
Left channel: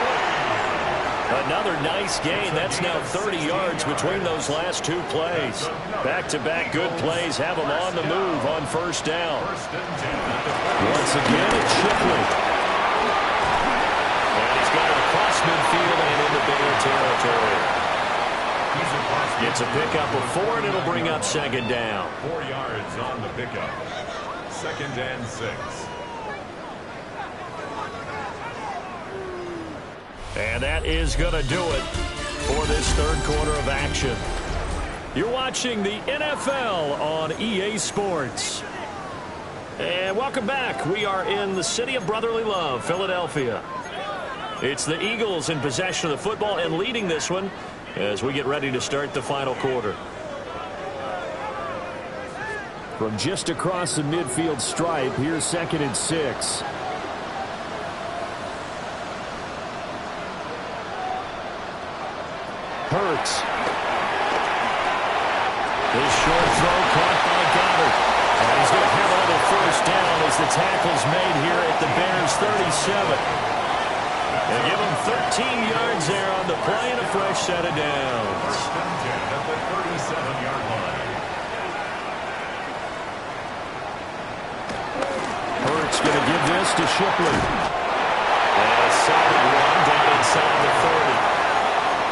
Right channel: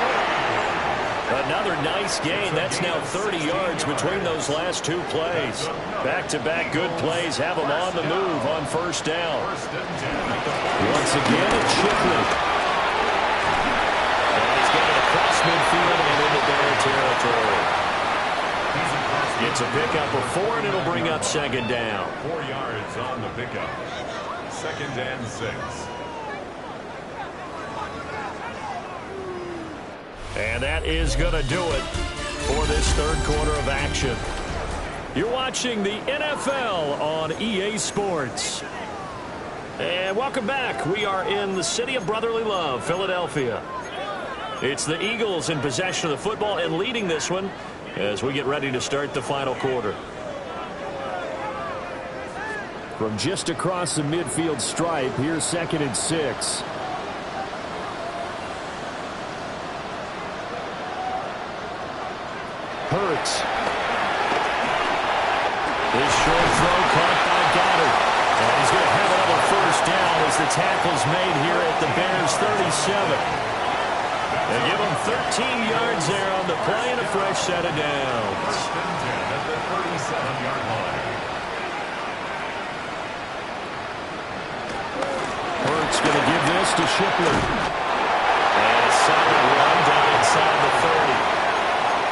Another nice gain. That's now 30 yards between those last 2 plays. Back-to-back good plays have them on the move on first down. Once again, it's Shipley. And he's got it across midfield and into their territory. It's a pickup of 4, and it'll bring up second down. 4 yards on the pickup. 2nd and 6. And that is going to do it for this third quarter of action. You're watching the NFL on EA Sports. And welcome back. We are in the city of brotherly love, Philadelphia. It's the Eagles in possession of the football and leading this one as we get ready to start the final quarter. From just across the midfield stripe, here's 2nd and 6. Hurts. This short throw caught by Goddard. And he's going to have another first down as the tackle's made here at the Bears' 37. They give him 13 yards there on the play and a fresh set of downs. First and 10 at the 37-yard line. Hurts going to give this to Shipley. And a solid run down inside the 30.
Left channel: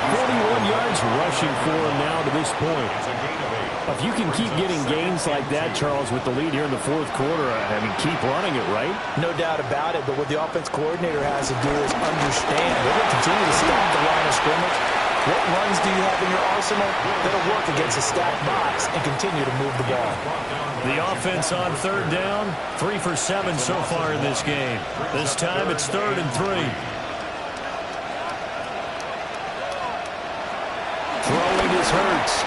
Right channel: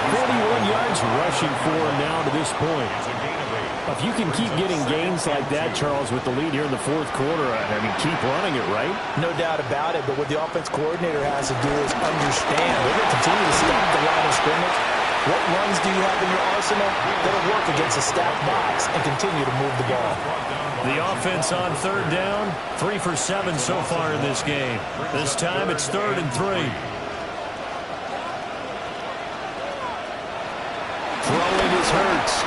41 yards rushing for him now to this point. It's a gain of 8. If you can keep getting gains like that, Charles, with the lead here in the fourth quarter, I mean, keep running it, right? No doubt about it, but what the offense coordinator has to do is understand they're going to continue to stack the line of scrimmage. What runs do you have in your arsenal that'll work against a stacked box and continue to move the ball? The offense on third down, 3 for 7 so far in this game. This time it's 3rd and 3. Throwing is Hurts.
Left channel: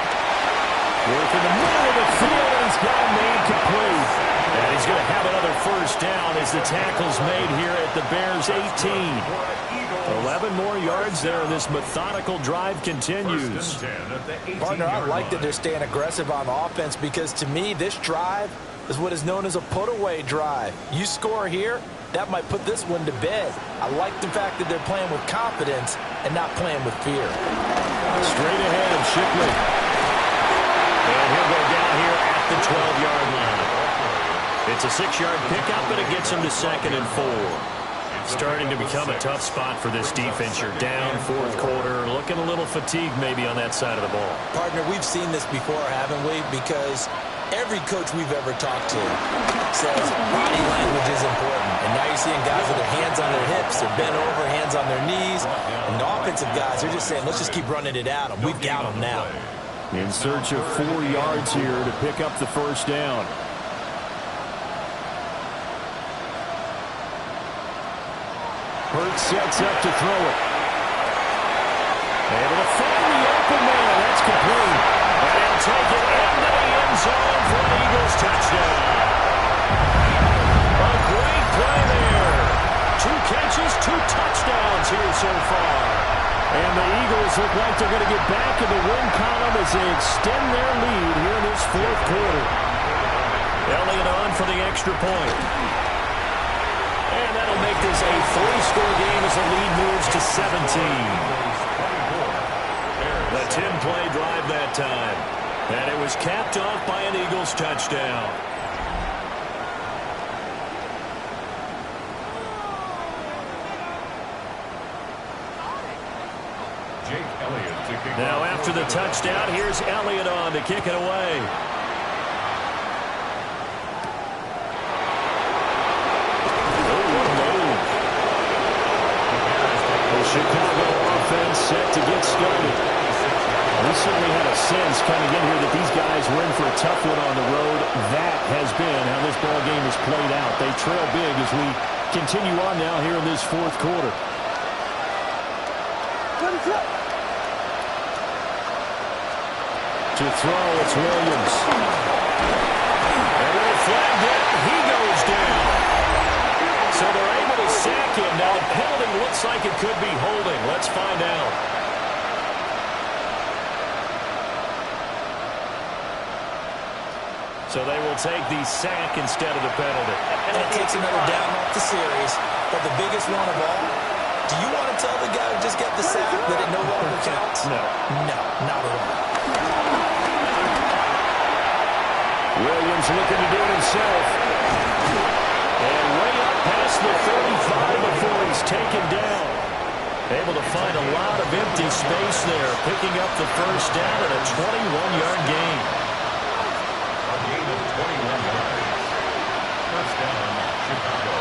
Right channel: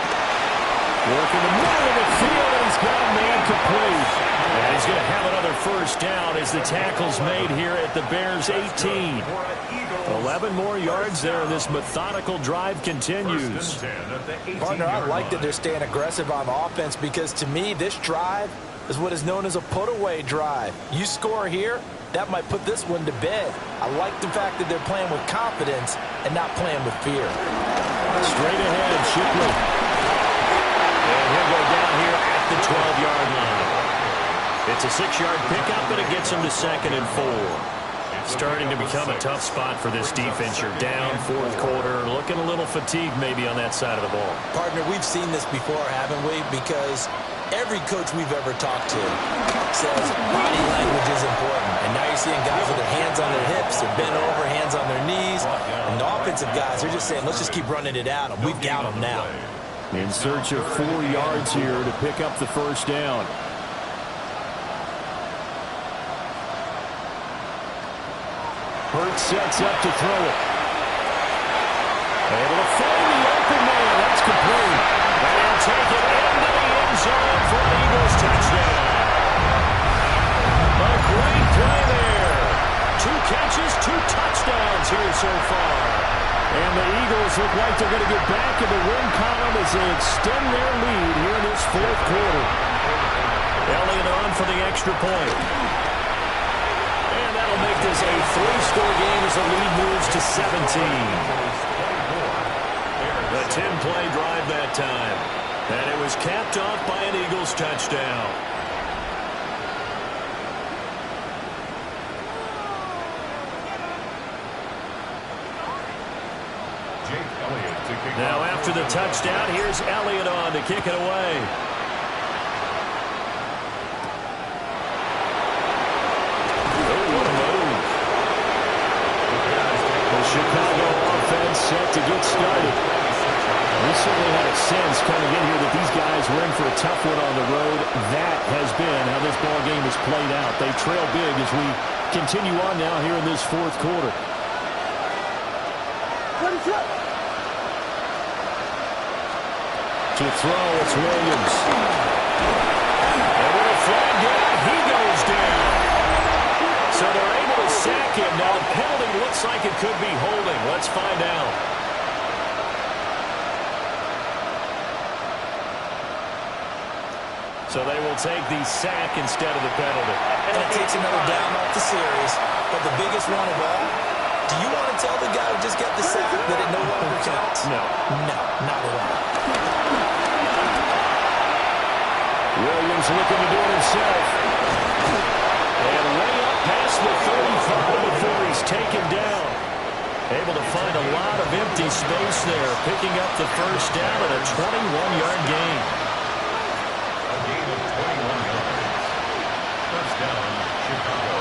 Working the middle of the field, and he's got a man complete. And he's going to have another first down as the tackle's made here at the Bears' 18. 11 more yards there, and this methodical drive continues. Partner, I like that they're staying aggressive on offense because, to me, this drive is what is known as a put-away drive. You score here, that might put this one to bed. I like the fact that they're playing with confidence and not playing with fear. Straight ahead, Shipley. And he'll go down here at the 12-yard line. It's a 6-yard pickup, and it gets him to 2nd and 4. Starting to become a tough spot for this defense. You're down fourth quarter, looking a little fatigued maybe on that side of the ball. Partner, we've seen this before, haven't we? Because every coach we've ever talked to says body language is important. And now you're seeing guys with their hands on their hips, they're bent over, hands on their knees. And the offensive guys are just saying, let's just keep running it at them. We've got them now. In search of 4 yards here to pick up the first down. Hurts sets up to throw it. Able to find the open man. That's complete. And he'll take it into the end zone for an Eagles touchdown. A great play there. 2 catches, 2 touchdowns here so far. And the Eagles look like they're going to get back in the win column as they extend their lead here in this fourth quarter. Elliott on for the extra point. And that'll make this a 3-score game as the lead moves to 17. A 10-play drive that time. And it was capped off by an Eagles touchdown. Now after the touchdown, here's Elliott on to kick it away. Oh, what a move. The Chicago offense set to get started. We certainly had a sense coming in here that these guys were in for a tough one on the road. That has been how this ball game has played out. They trail big as we continue on now here in this fourth quarter. To throw, it's Williams. And with a flag down, he goes down. So they're able to sack him. Now the penalty looks like it could be holding. Let's find out. So they will take the sack instead of the penalty. And it takes another down off the series. But the biggest one of all, do you want to tell the guy who just got the sack that it no longer counts? No, not at all. Williams looking to do it himself. And way up past the 35 before he's taken down. Able to find a lot of empty space there, picking up the first down at a 21-yard gain. A gain of 21 yards. First down, Chicago.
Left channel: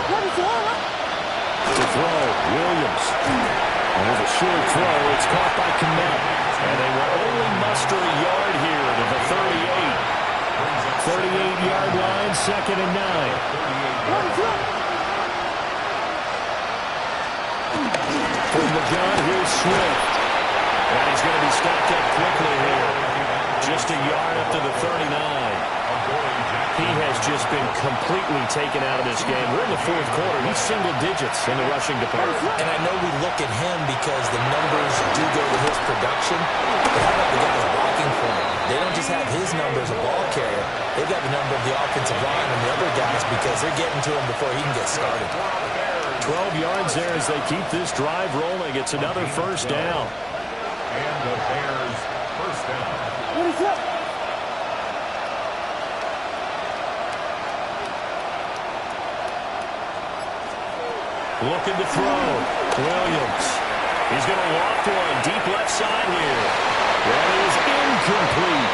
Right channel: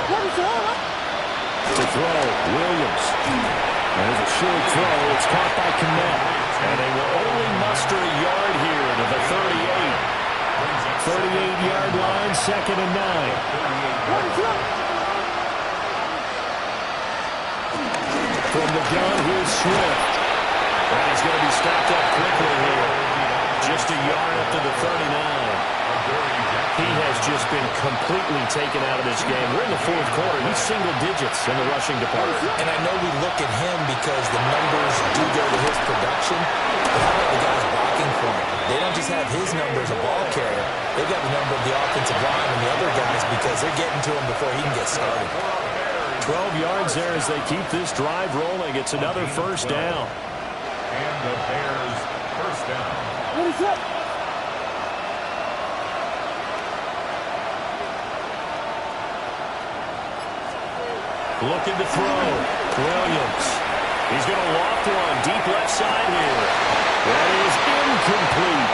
To throw, Williams. And there's a short throw. It's caught by Kmet. And they will only muster a yard here to the 38. 38-yard line, 2nd and 9. From the gun, here's Swift. And he's going to be stopped up quickly here. Just a yard up to the 39. He has just been completely taken out of this game. We're in the fourth quarter. He's single digits in the rushing department. And I know we look at him because the numbers do go to his production. But how about the guys blocking for him? They don't just have his number as a ball carrier. They've got the number of the offensive line and the other guys because they're getting to him before he can get started. 12 yards there as they keep this drive rolling. It's another first down. And the Bears first down. Looking to throw. Williams. He's going to loft one. Deep left side here. That is incomplete.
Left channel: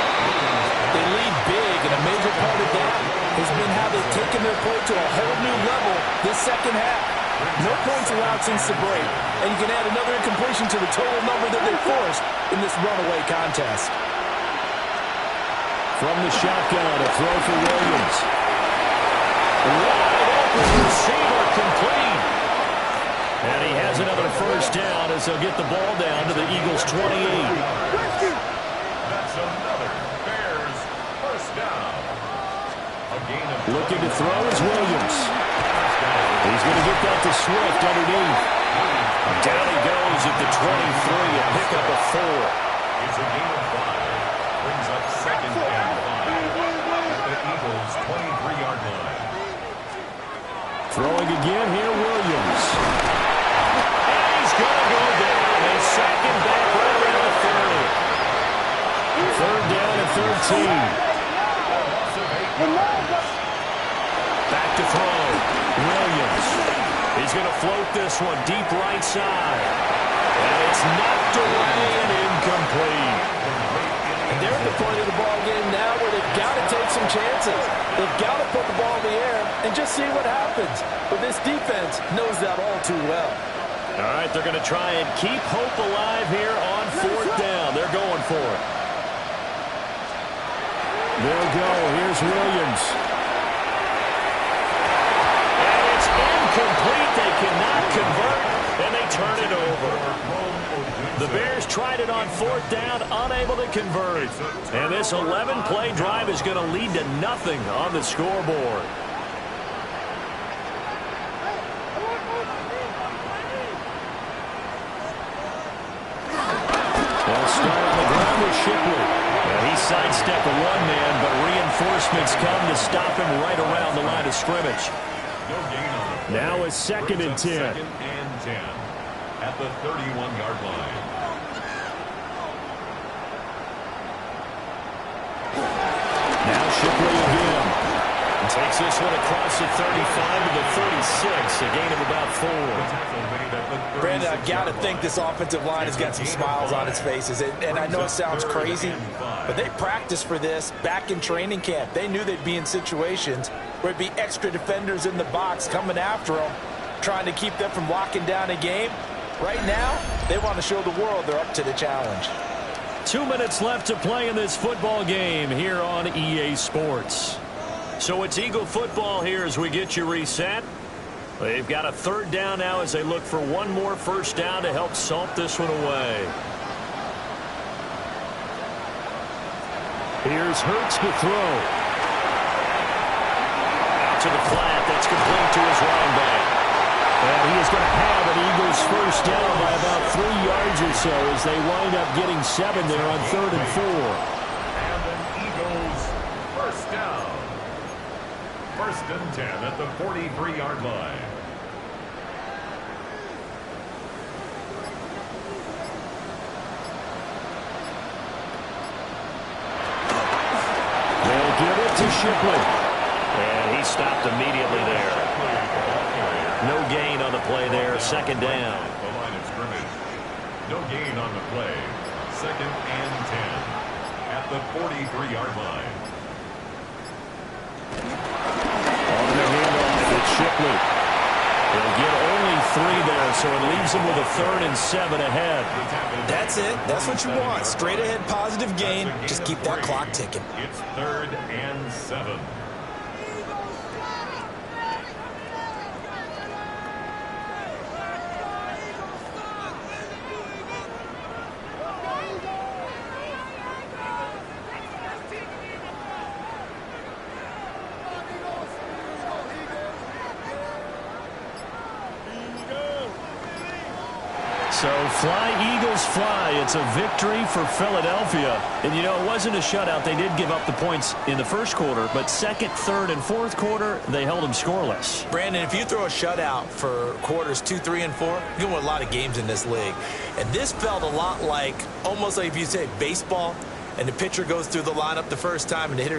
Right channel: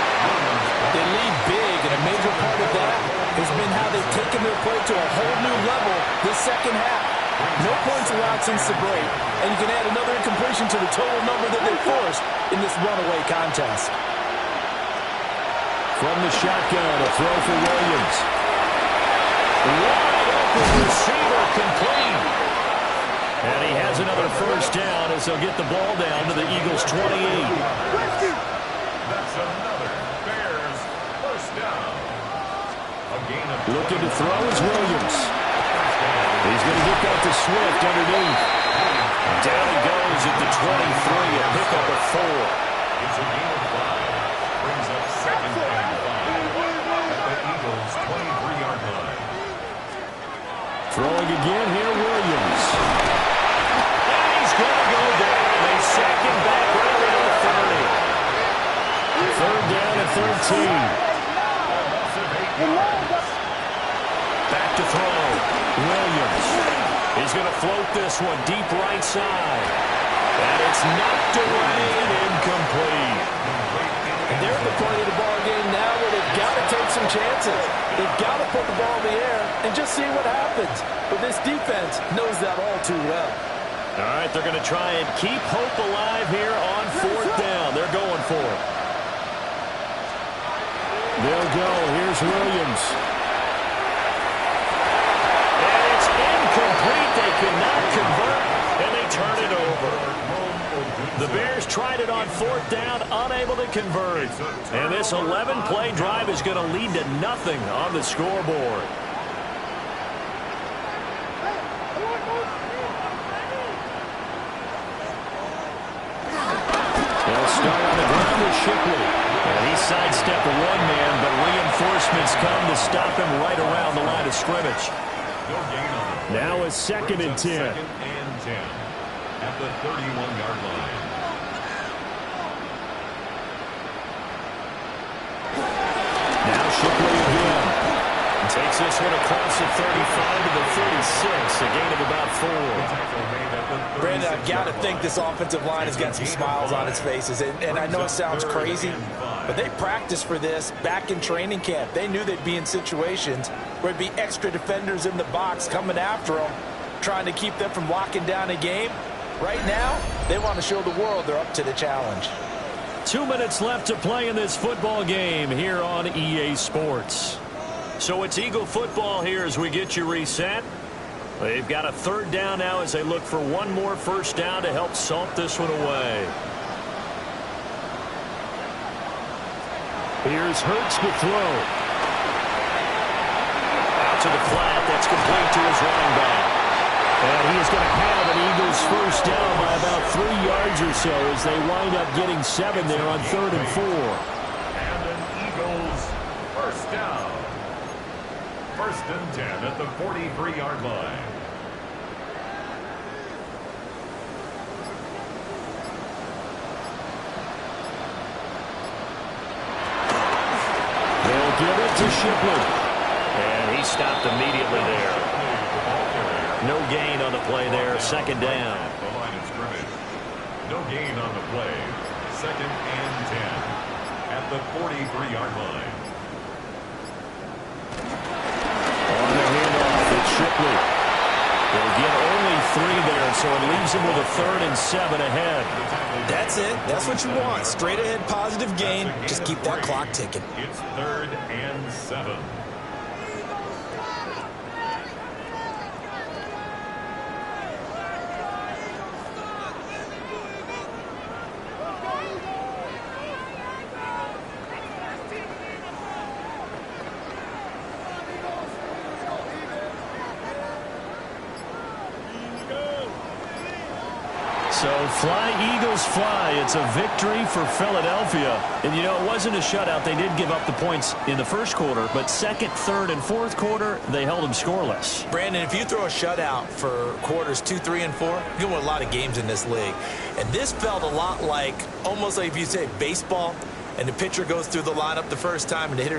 They lead big, and a major part of that has been how they've taken their play to a whole new level this second half. No points allowed since the break, and you can add another incompletion to the total number that they forced in this runaway contest. From the shotgun, a throw for Williams. Wide open receiver, complete. And he has another first down as they'll get the ball down to the Eagles' 28. That's another Bears first down. A gain of Looking to throw is Williams. He's going to get that to Swift underneath. Down he goes at the 23, a pickup of 4. It's a gain of 5. Brings up second and 5 at the Eagles' 23-yard line. Throwing again here, Williams. And he's going to go down. They sack him back right around the 30. Third down at 13. Back to throw. Williams. He's going to float this one deep right side. And it's knocked away and incomplete. And they're at the point of the ball game now where they've got to take some chances. They've got to put the ball in the air and just see what happens. But this defense knows that all too well. All right, they're going to try and keep hope alive here on fourth down. They're going for it. They'll go. Here's Williams. And it's incomplete. They cannot convert, and they turn it over. The Bears tried it on fourth down, unable to convert. And this 11-play drive is going to lead to nothing on the scoreboard. They'll start on the ground with Shipley. And he sidestepped a one-man, but reinforcements come to stop him right around the line of scrimmage. Now it's second and 10. Second and 10 at the 31-yard line. Now Shipley again. Takes this one across the 35 to the 36, a gain of about 4. Brandon, I've got to think this offensive line has got some smiles on its faces. And I know it sounds crazy, but they practiced for this back in training camp. They knew they'd be in situations where it'd be extra defenders in the box coming after them, trying to keep them from locking down a game. Right now, they want to show the world they're up to the challenge. 2 minutes left to play in this football game here on EA Sports. So it's Eagle football here as we get you reset. They've got a third down now as they look for one more first down to help salt this one away. Here's Hurts to throw. Out to the flat. That's complete to his running back. And he is going to have an Eagles first down by about 3 yards or so as they wind up getting 7 there on 3rd and 4. And an Eagles first down. First and 10 at the 43-yard line. They'll give it to Shipley. And he stopped immediately there. No gain on the play there. Second down. The line of scrimmage. No gain on the play. Second and 10 at the 43-yard line. On the handoff, it's Shipley. He'll get only 3 there, so it leaves him with a 3rd and 7 ahead. That's it. That's what you want. Straight ahead positive gain. Just keep that clock ticking. It's 3rd and 7. So fly, Eagles, fly. It's a victory for Philadelphia. And, you know, it wasn't a shutout. They did give up the points in the first quarter, but second, third, and fourth quarter, they held them scoreless. Brandon, if you throw a shutout for quarters 2, 3, and 4, you're going to win a lot of games in this league. And this felt a lot like, almost like if you say baseball, and the pitcher goes through the lineup the first time, and the hitters